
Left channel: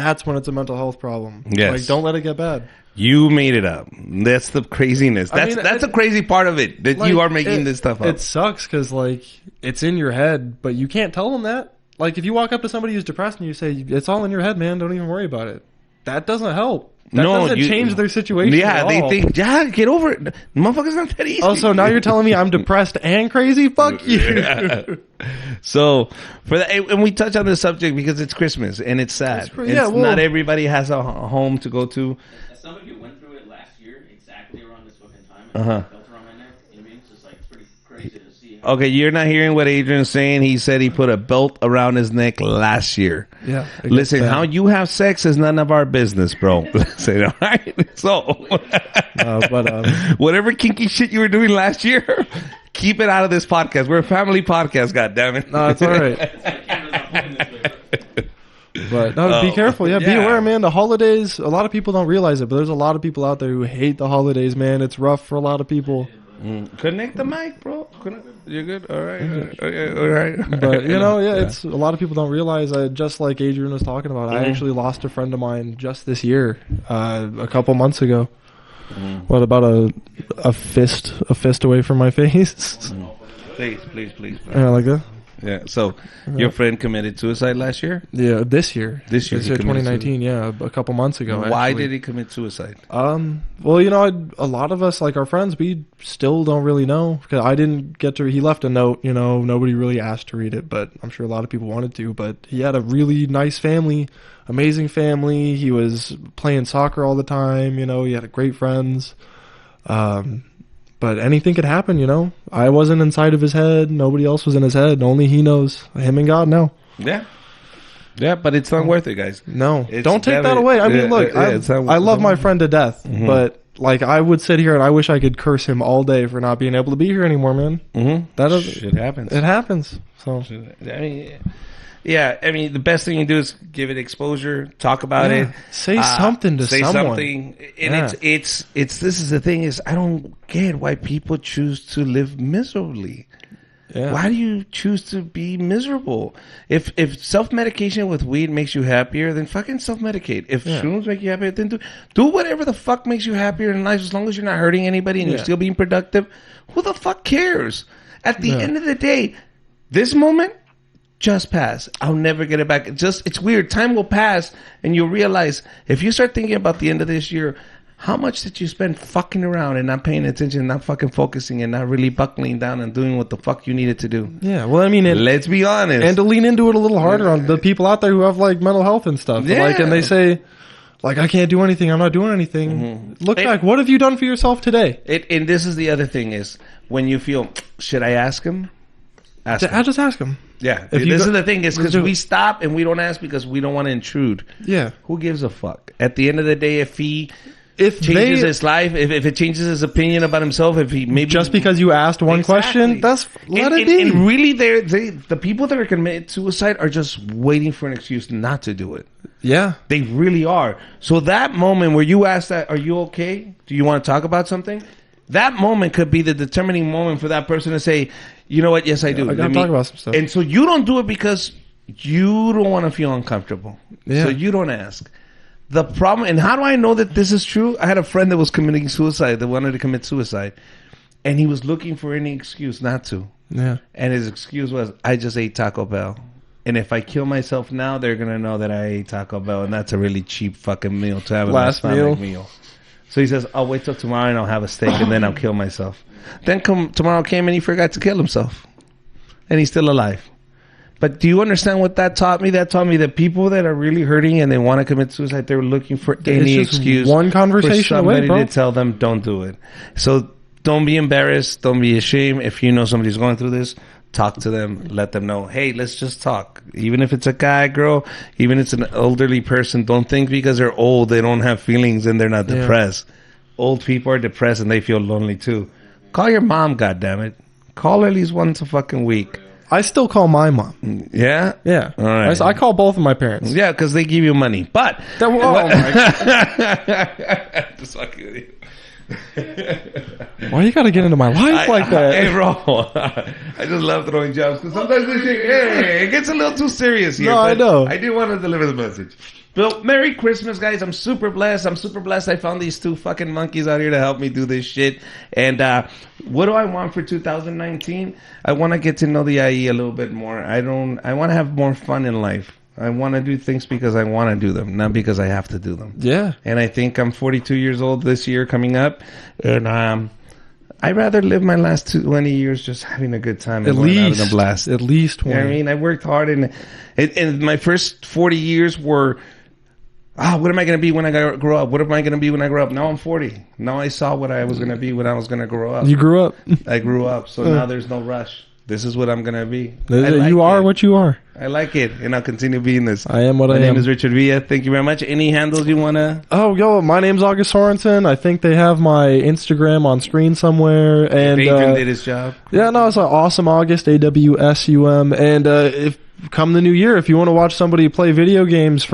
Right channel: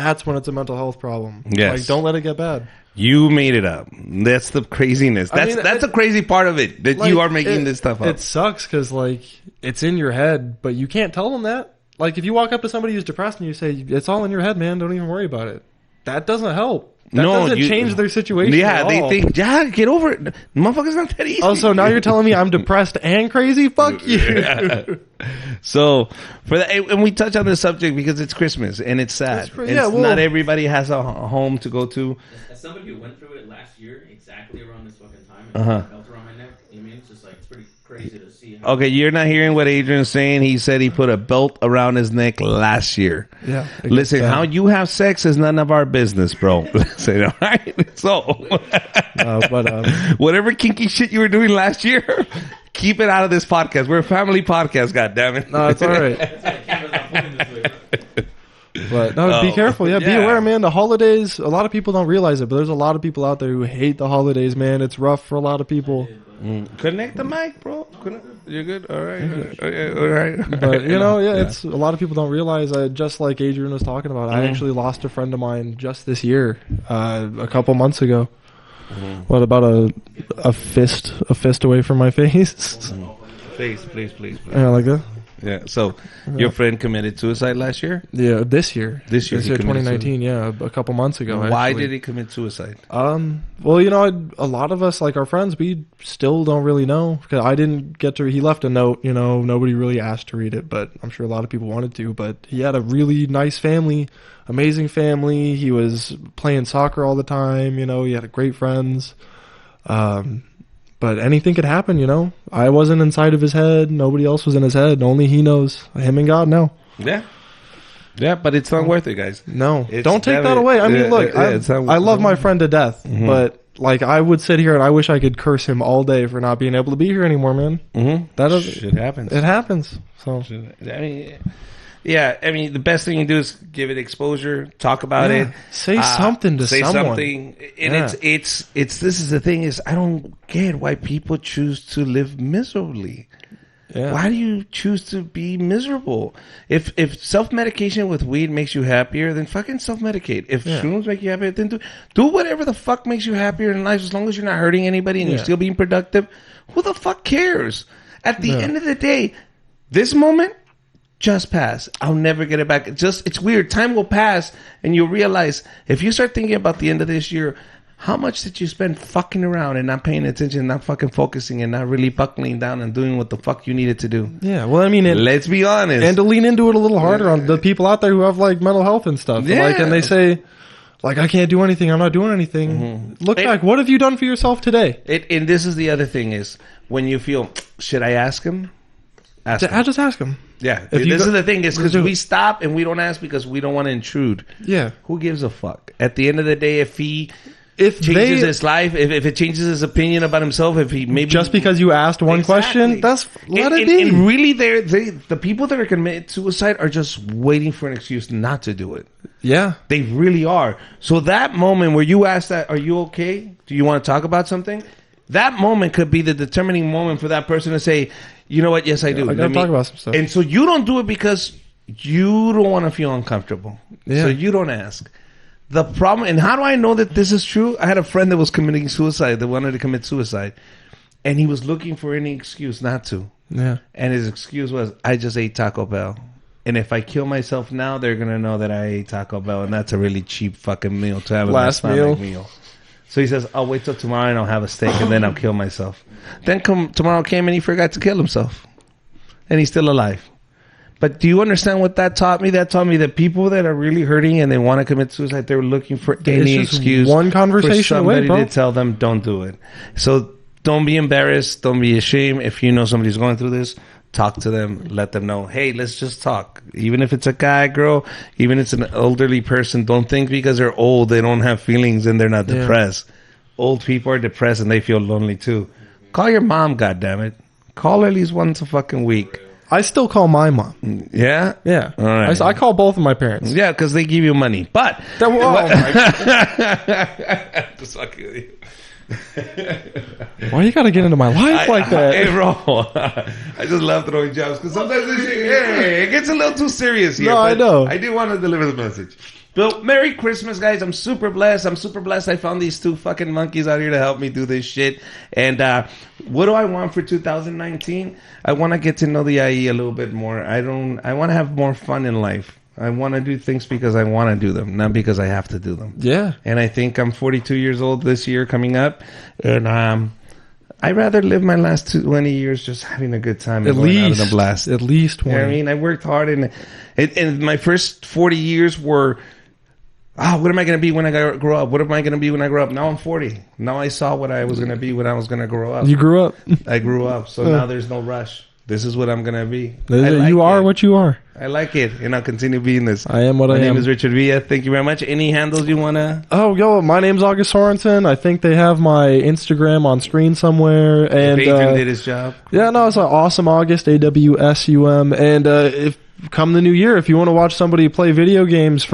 That's when it's a mental health problem. Yes. Don't let it get bad. You made it up. That's the craziness. That's the crazy part of it, that you are making this stuff up. It sucks because, like, it's in your head, but you can't tell them that. Like, if you walk up to somebody who's depressed and you say, it's all in your head, man, don't even worry about it. That doesn't help. No, Yeah, they think, get over it. Motherfucker's not that easy. Also, now you're telling me I'm depressed and crazy? Yeah. So for that, and we touch on this subject because it's Christmas and it's sad, and not everybody has a home to go to. As somebody who went through it last year, exactly around this fucking time, and felt around my neck, you know what I mean? It's just like, it's pretty crazy to see. Okay, you're not hearing what Adrian's saying. He said he put a belt around his neck last year. Listen, how you have sex is none of our business, bro. Listen, all right? So, whatever kinky shit you were doing last year, keep it out of this podcast. We're a family podcast, goddammit. Oh, yeah. The holidays, a lot of people don't realize it, but there's a lot of people out there who hate the holidays, man. It's rough for a lot of people. Connect the mic, bro. You're good? All right. All right. No, yeah. A lot of people don't realize that, just like Adrian was talking about. I actually lost a friend of mine just this year, a couple months ago. Please. Yeah. So, your friend committed suicide last year? Yeah, This year he committed suicide. Why did he commit suicide? Well, you know, a lot of us, like our friends, we still don't really know. I didn't get to. He left a note. You know, nobody really asked to read it, but I'm sure a lot of people wanted to. But he had a really nice family, amazing family. He was playing soccer all the time. You know, he had great friends. But anything could happen, you know. I wasn't inside of his head. Nobody else was in his head. Nobody knows. And he got it. Yeah. Yeah, but it's not worth it, guys. It's definitely, it's not worth it. Like, I would sit here, I wish I could curse him all day for not being able to be here anymore, man. Shit happens. It happens. I mean, the best thing you do is give it exposure, talk about it, say something. And it's this is the thing is, I don't get why people choose to live miserably. Why do you choose to be miserable? If self-medication with weed makes you happier, then fucking self-medicate. If shrooms make you happier, then do whatever the fuck makes you happier in life, as long as you're not hurting anybody and you're still being productive. Who the fuck cares? At the end of the day, this moment just pass. I'll never get it back. It's weird. Time will pass and you'll realize, if you start thinking about the end of this year, how much did you spend fucking around and not paying attention, not fucking focusing, and not really buckling down and doing what the fuck you needed to do? Let's be honest. Yeah. And this is the other thing is, when you feel, should I ask him? Ask him. Yeah, this is the thing is, because we stop and we don't ask because we don't want to intrude. Who gives a fuck? At the end of the day, if he changes his life, if it changes his opinion about himself, if he maybe exactly, And really, the people that are commit suicide are just waiting for an excuse not to do it. They really are. So that moment where you ask that, are you okay? Do you want to talk about something? That moment could be the determining moment for that person to say, you know what? Yes, I do. And so you don't do it because you don't want to feel uncomfortable. So you don't ask. The problem, and how do I know that this is true? I had a friend that was committing suicide, that wanted to commit suicide, and he was looking for any excuse not to. And his excuse was, I just ate Taco Bell. And if I kill myself now, they're going to know that I ate Taco Bell, and that's a really cheap fucking meal to have in my stomach meal. So he says, I'll wait till tomorrow and I'll have a steak, and then I'll kill myself. Then tomorrow came and he forgot to kill himself. And he's still alive. But do you understand what that taught me? That taught me that people that are really hurting and they want to commit suicide, they're looking for any excuse for somebody to tell them, don't do it. So don't be embarrassed. Don't be ashamed. If you know somebody's going through this, talk to them. Let them know, hey, let's just talk. Even if it's a guy, girl, even if it's an elderly person, don't think because they're old, they don't have feelings and they're not depressed. Old people are depressed and they feel lonely too. Call your mom, goddammit. Call her at least once a fucking week. I still call my mom. Yeah? Yeah. All right. So I call both of my parents. Yeah, because they give you money. But what? Just fucking with you. Hey, bro. I just love throwing jobs because sometimes this shit, it gets a little too serious here. But I do want to deliver the message. Bill, Merry Christmas, guys. I'm super blessed. I found these two fucking monkeys out here to help me do this shit. And what do I want for 2019? I want to get to know the IE a little bit more. I want to have more fun in life. I want to do things because I want to do them, not because I have to do them. And I think I'm 42 years old this year coming up. And I'd rather live my last 20 years just having a good time and going out in a blast. You know what I mean? I worked hard, and my first 40 years were, what am I going to be when I grow up? What am I going to be when I grow up? Now I'm 40. Now I saw what I was going to be when I was going to grow up. I grew up, so now there's no rush. This is what I'm going to be. I like it. And I'll continue being this. My name is Richard Villa. Thank you very much. Any handles you want to? If Adrian did his job correctly.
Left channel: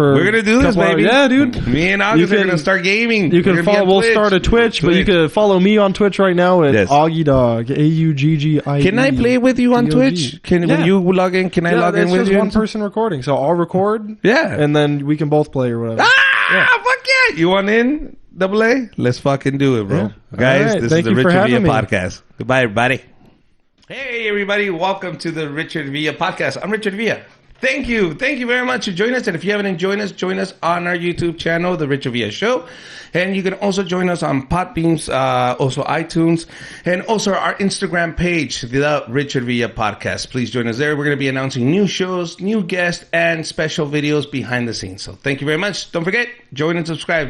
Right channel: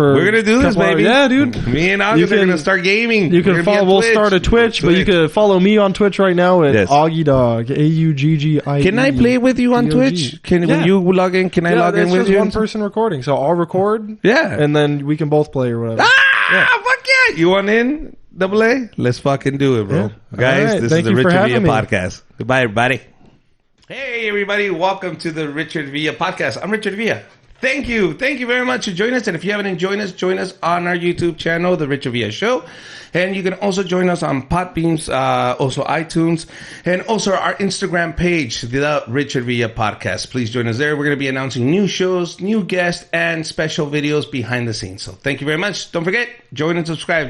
We're going to do this, baby. Me and August are going to start gaming. We're going to be on Twitch. Yes. Can I play with you on Twitch? When you log in, can I log in with you? Yeah. Fuck yeah. You want in, Double A? Let's fucking do it, bro. Guys, this is the Richard Villa Podcast. Goodbye, everybody. Hey, everybody. Welcome to the Richard Villa Podcast. I'm Richard Villa. Thank you. Thank you very much for joining us. And if you haven't joined us, join us on our YouTube channel, The Richard Villa Show. And you can also join us on Podbeams, also iTunes, and also our Instagram page, The Richard Villa Podcast. Please join us there. We're going to be announcing new shows, new guests, and special videos behind the scenes. So thank you very much. Don't forget, join and subscribe.